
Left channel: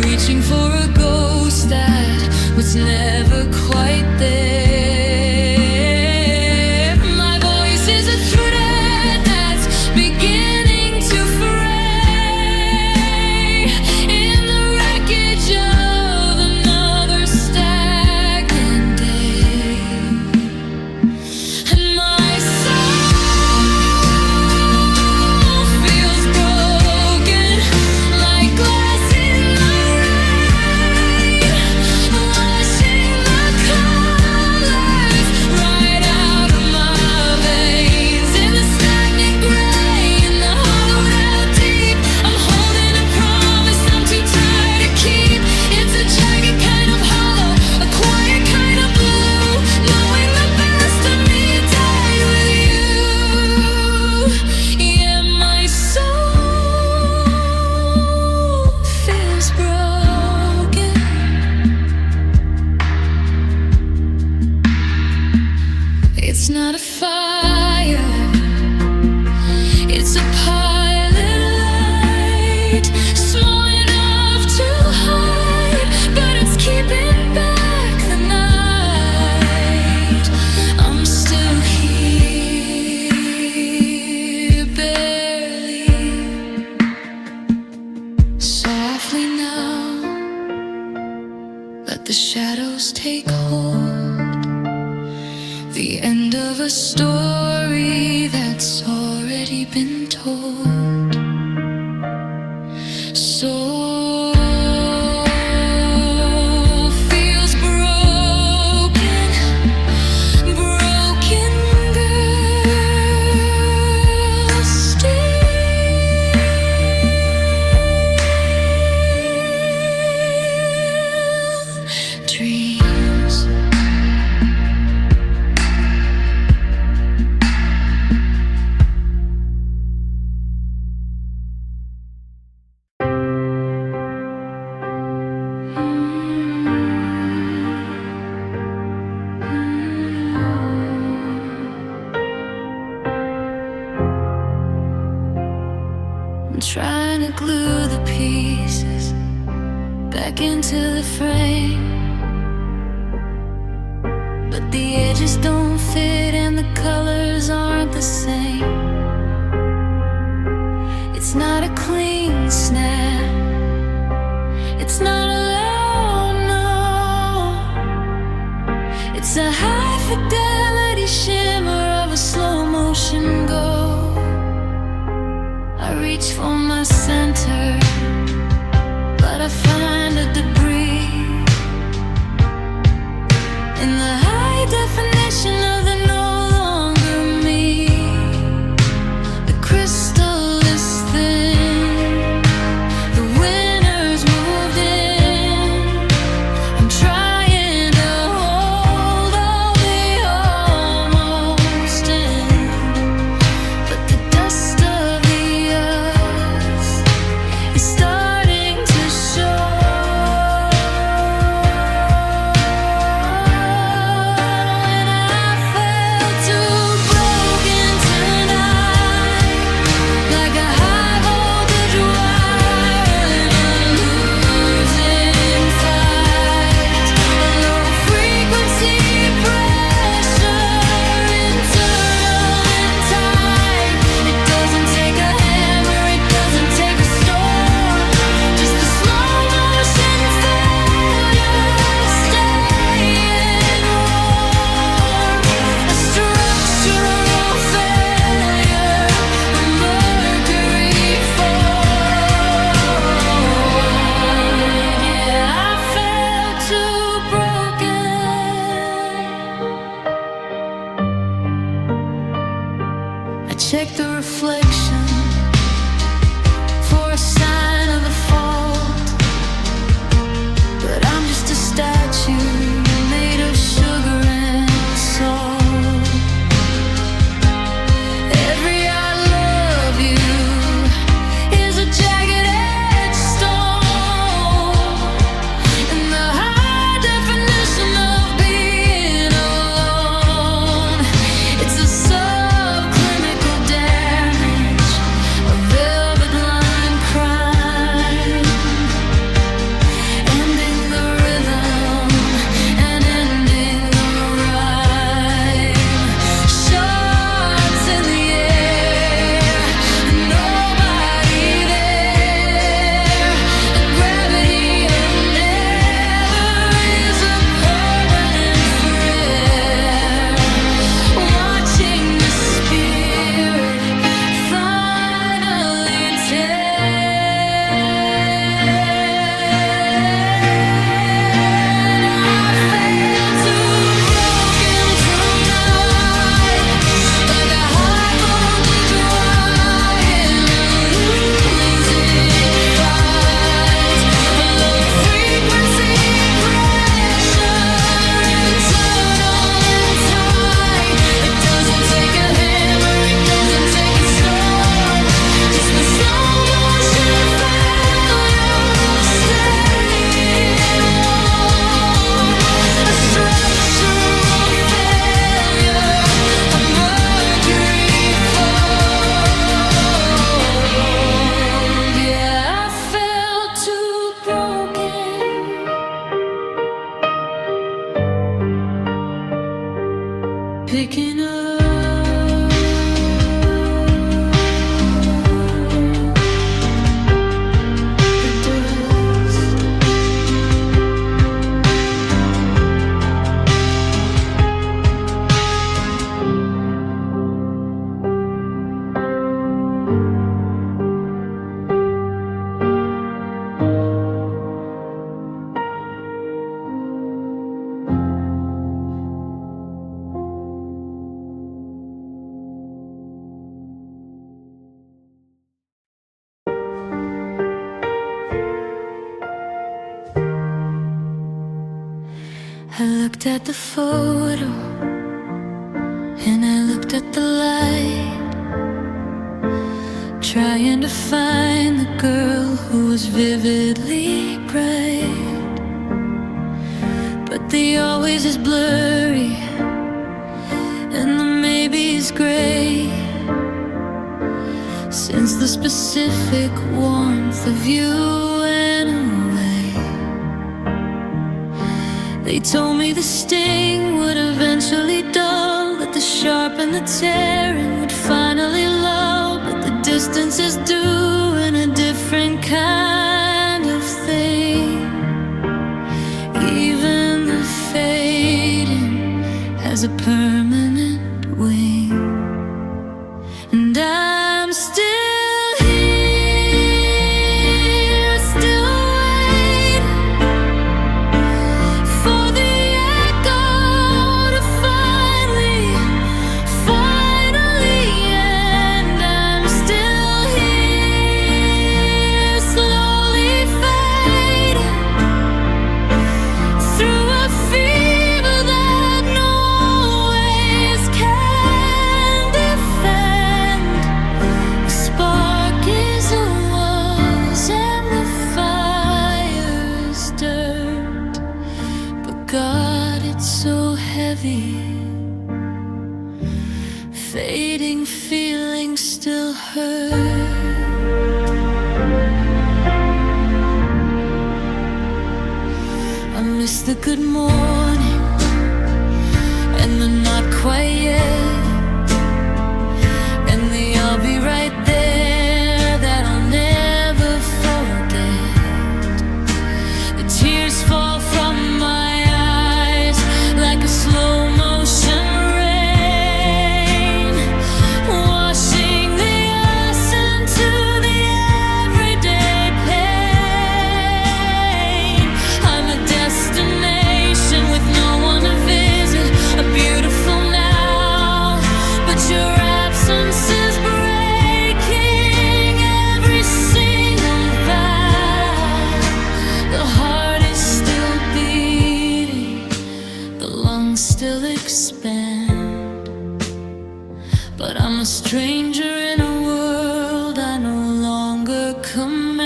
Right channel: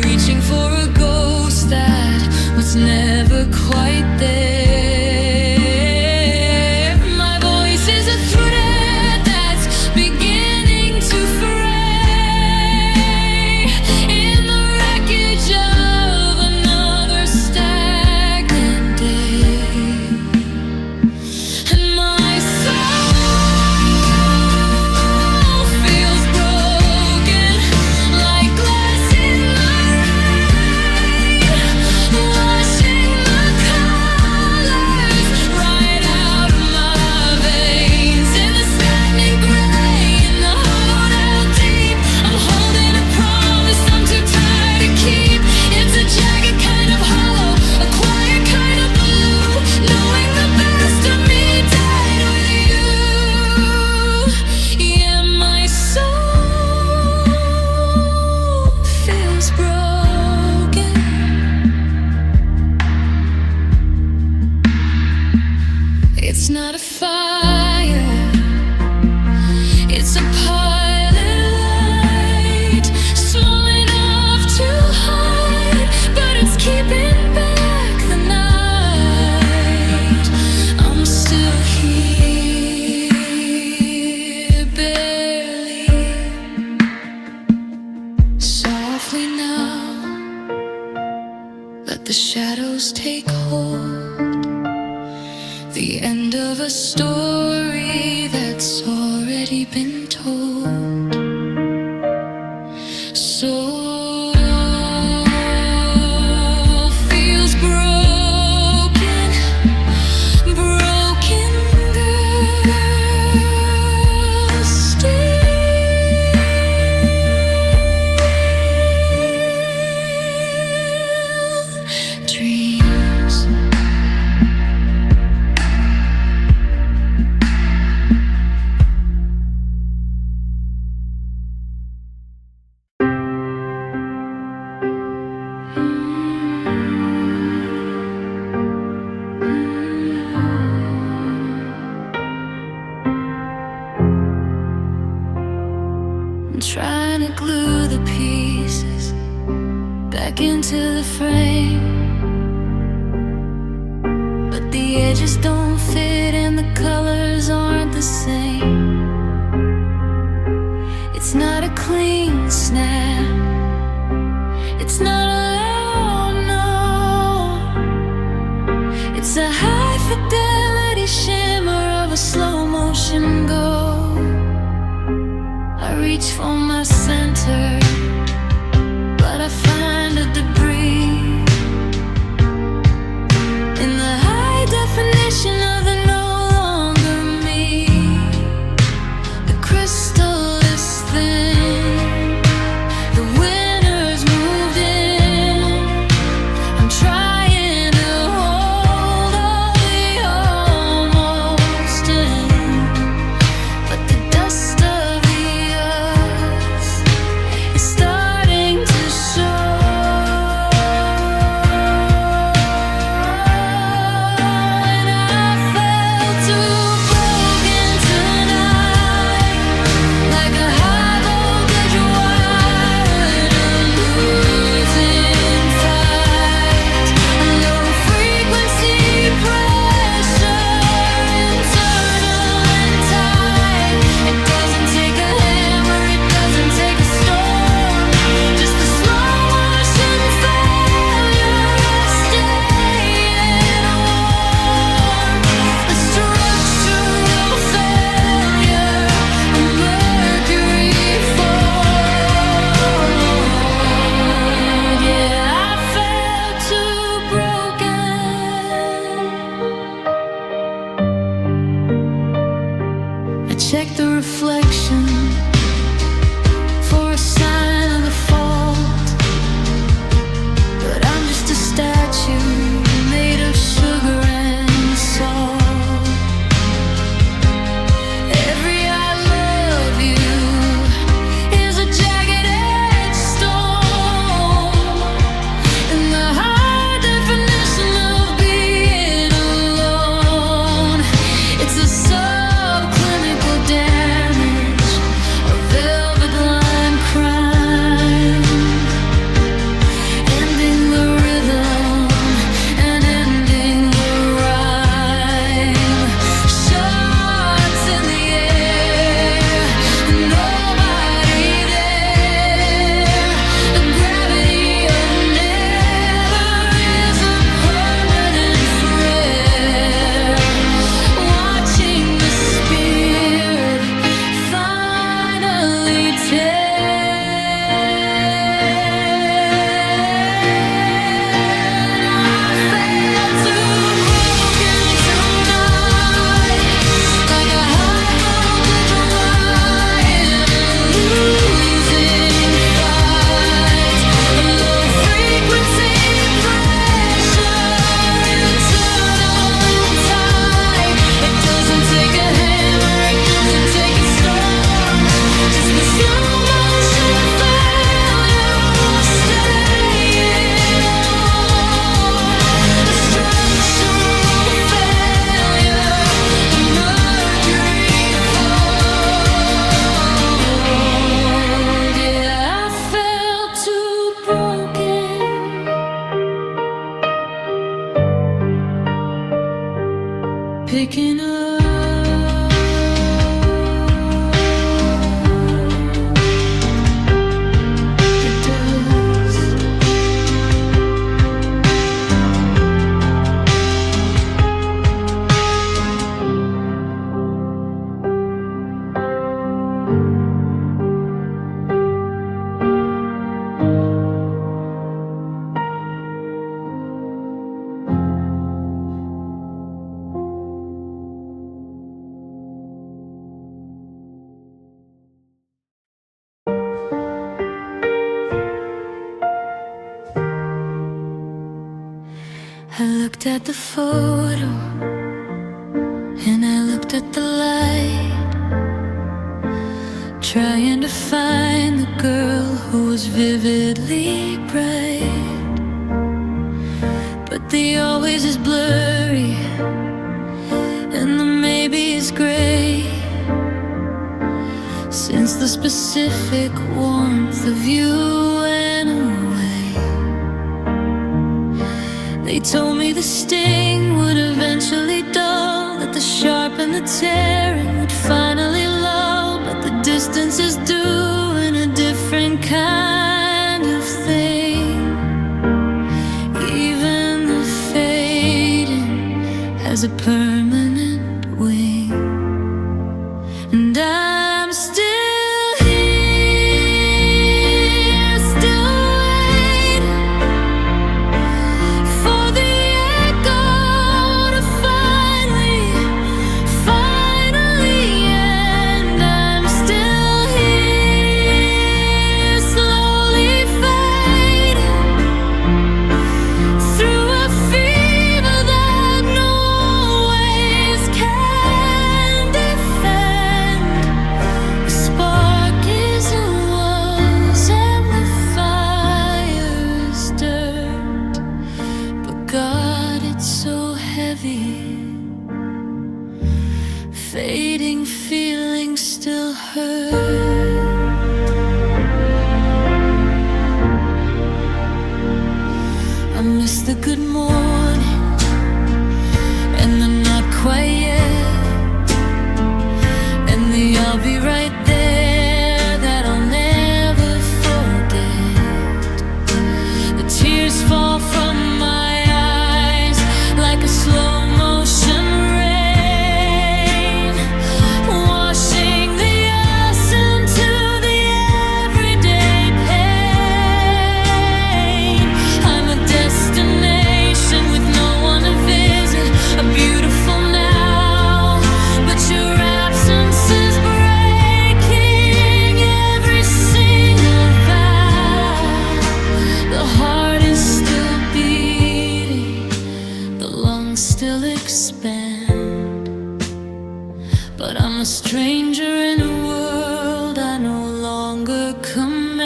reaching for a ghost that was never quite there. Is a thread that's beginning to fray in the wreckage of another stagnant day, and my soul feels broken like glass in the rain, washing the colors right out of my It's not a fire, it's a pilot light, small enough to hide, but it's keeping back the night. I'm still here, barely, softly now, let the shadows take hold. The end of a story that's already been told. Soul feels broken, broken girl, still dreams. I'm trying to glue the pieces back into the frame, but the edges don't fit and the colors aren't the same. It's not a clean snap, it's not a loud no, it's a high fidelity shimmer of a slow motion go. I reach for my center, but I find a debris in the high definition of the no longer me. The crystal is thin, the winners moved in. I'm trying to hold all the almost in, but the dust of the earth is starting to show. And I felt too broken tonight, like a high voltage wire in a losing fight. A low frequency pressure, internal and tight. It doesn't take a hammer, it doesn't take a storm, just the slow motion failure of staying warm. A structural failure, a mercury fall. Yeah, I felt too broken. I checked the reflection for a sign of a fault, but I'm just a statue made of sugar and salt. Every I love you is a jagged edge stone, in the high definition of being alone. It's a subclinical damage, a velvet line crime, ending the rhythm and ending the rhyme. Shards in the air, nobody there. The gravity of never is a permanent flare. Watching the spirit finally tear. And I felt too broken tonight, like a high voltage wire in a losing fight. A low frequency pressure, internal and tight. It doesn't take a hammer, it doesn't take a storm, just the slow motion failure of staying warm. A structural failure, a mercury fold. Yeah, I felt too broken. Picking up the dust. I looked at the photo and I looked at the light, trying to find the girl who was vividly bright. But the always is blurry and the maybe is gray, since the specific warmth of you went away. They told me the sting would eventually dull, that the sharp and the tearing would finally lull, but the distance is doing a different kind of thing. Even the fading has a permanent wing, and I'm still here, still waiting for the echo so heavy. Fading feelings still hurt. I miss the good morning and the not quite yet, and the I'll be right there that I'll never forget. The tears fall from my eyes like a slow motion rain, washing the us into the everyday pain. I'm a destination with no one to visit, a beautiful now, but your absence is breaking every single vow. The heart is still beating, the lungs still expand, but I'm a stranger in a world I no longer command.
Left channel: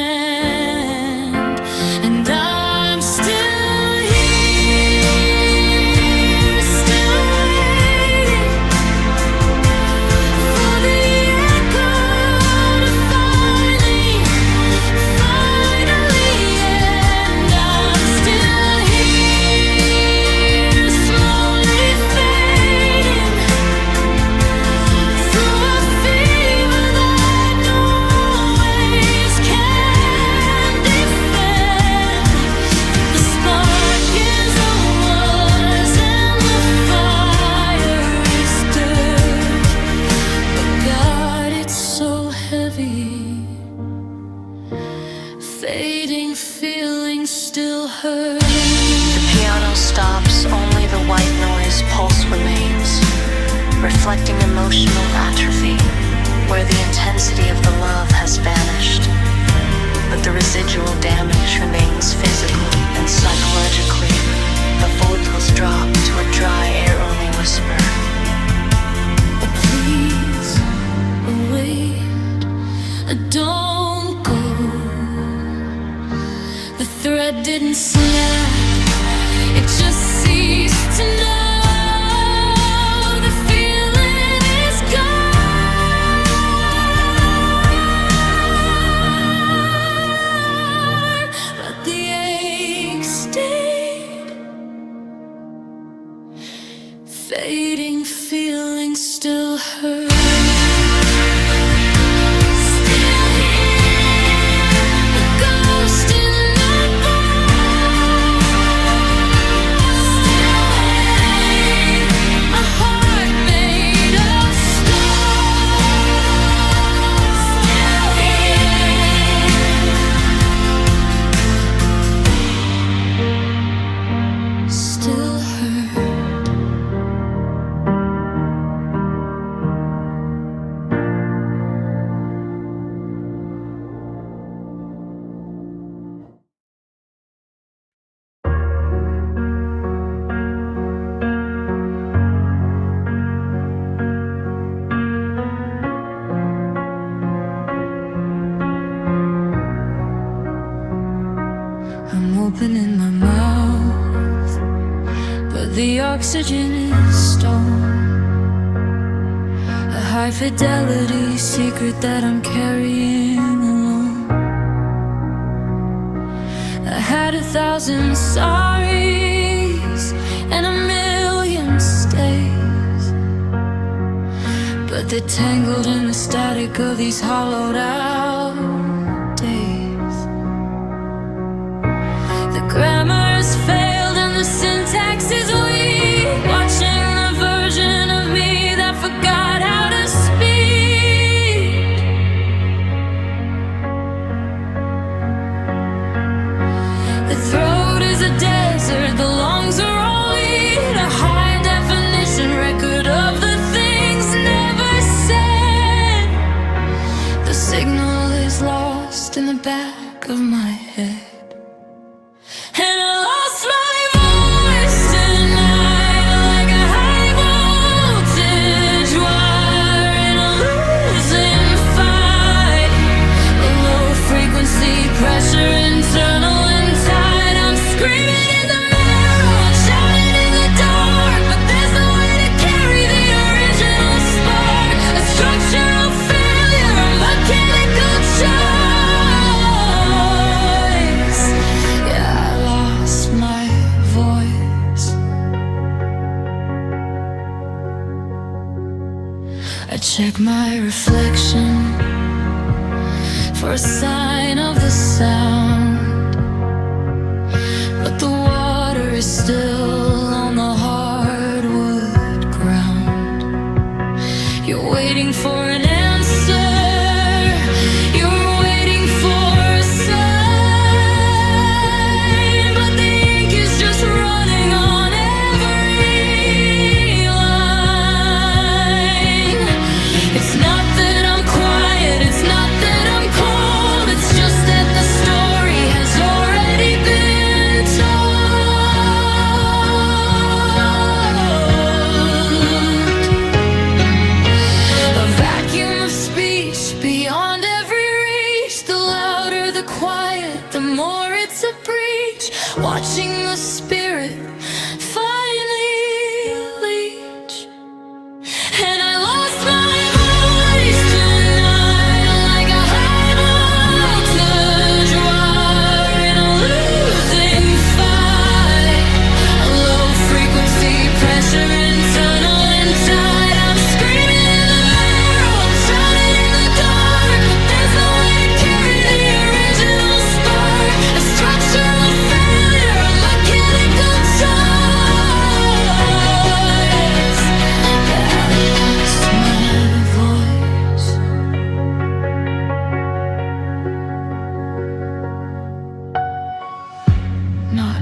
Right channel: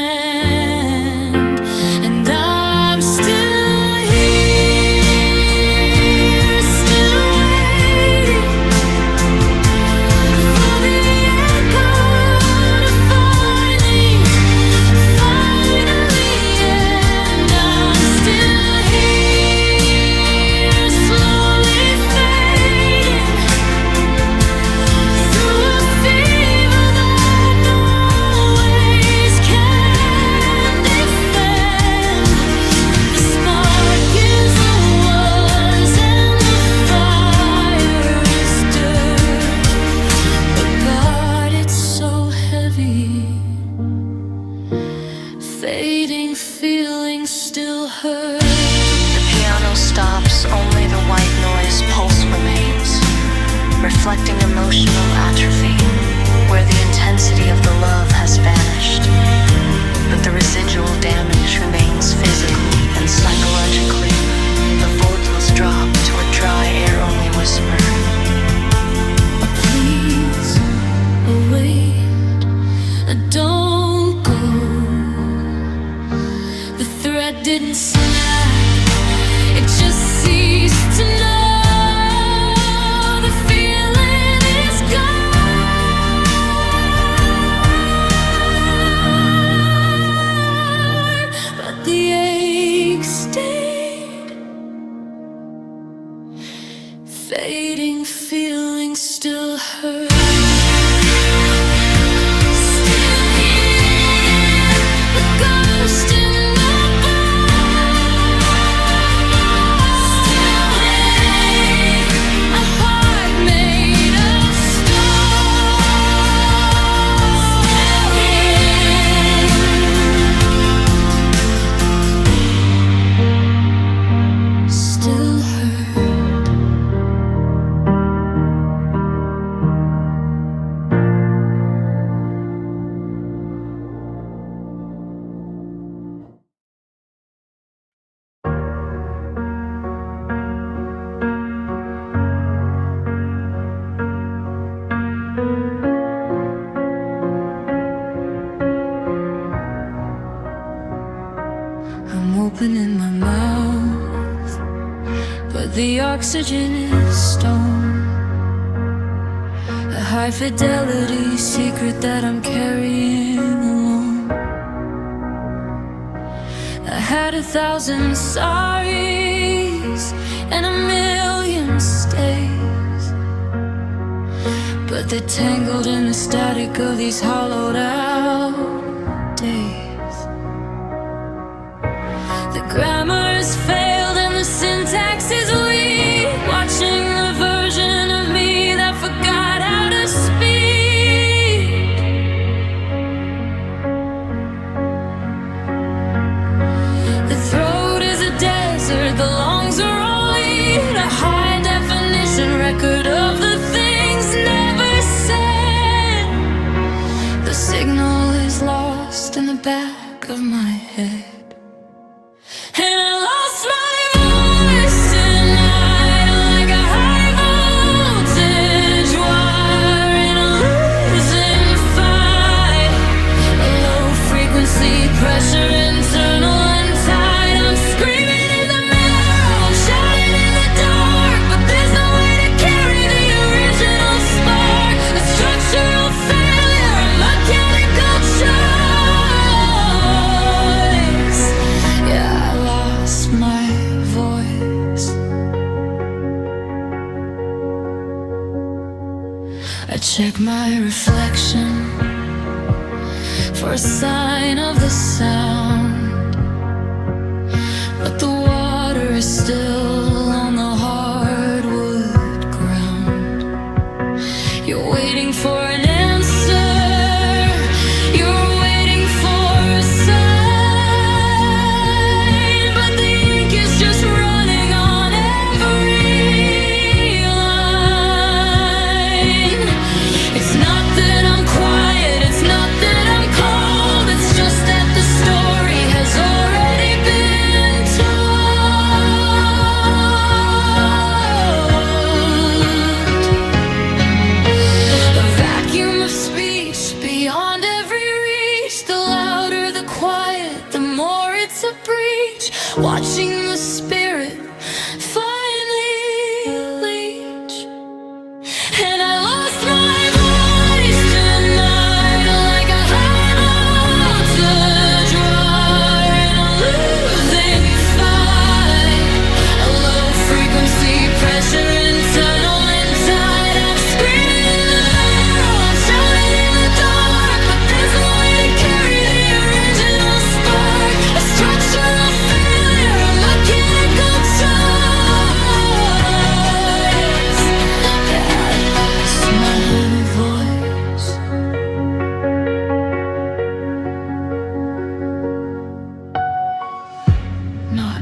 And I'm still here, still waiting for the echo to finally end. I'm still here, slowly fading through a fever that no ways can defend. The spark is a was and the fire is dirt, but God, it's so heavy. Fading feelings still hurt. The piano stops, only the white noise pulse remains, reflecting emotional atrophy, where the intensity of the love has vanished, but the residual damage remains physically and psychologically. The vocals drop to a dry air-only whisper. Please, wait, don't go. The thread didn't snap, it just ceased to know. The feeling is gone, but the ache stayed. Fading feelings still hurt. Still here, a ghost in the bar. Still hate, a heart made of stone. Still hurt. I'm opening my mouth, but the oxygen is stone. A high fidelity secret that I'm carrying alone. I had 1,000 sorries and a million stays, but they're tangled in the static of these hollowed out days. The grammar has failed and the syntax is weak, watching the version of me that forgot how to speak. The throat is a desert, the lungs are all weed, a high definition record of the things never said. The signal is lost in the back of my head. And I lost my voice tonight like a high voltage wire in a losing fight. A low frequency pressure, internal and tight. I'm screaming in the marrow, I'm shouting in the dark. reflection for a sign of the sound, but the water is still on the hardwood ground. You're waiting for an answer, you're waiting for a sign, but the ink is just running on every line. It's not that I'm quiet, it's not that I'm cold, it's just that the story has already been told. A vacuum of speech beyond every reach. The louder the quiet, the more it's a breach. Watching the spirit finally leach. And I lost my voice tonight, like a high voltage wire in a losing fight. A low frequency pressure, internal and tight. I'm screaming in the mirror, I'm shouting in the dark, but there's no way to carry the original spark. A structural failure, a mechanical choice. Yeah, I lost my voice. Not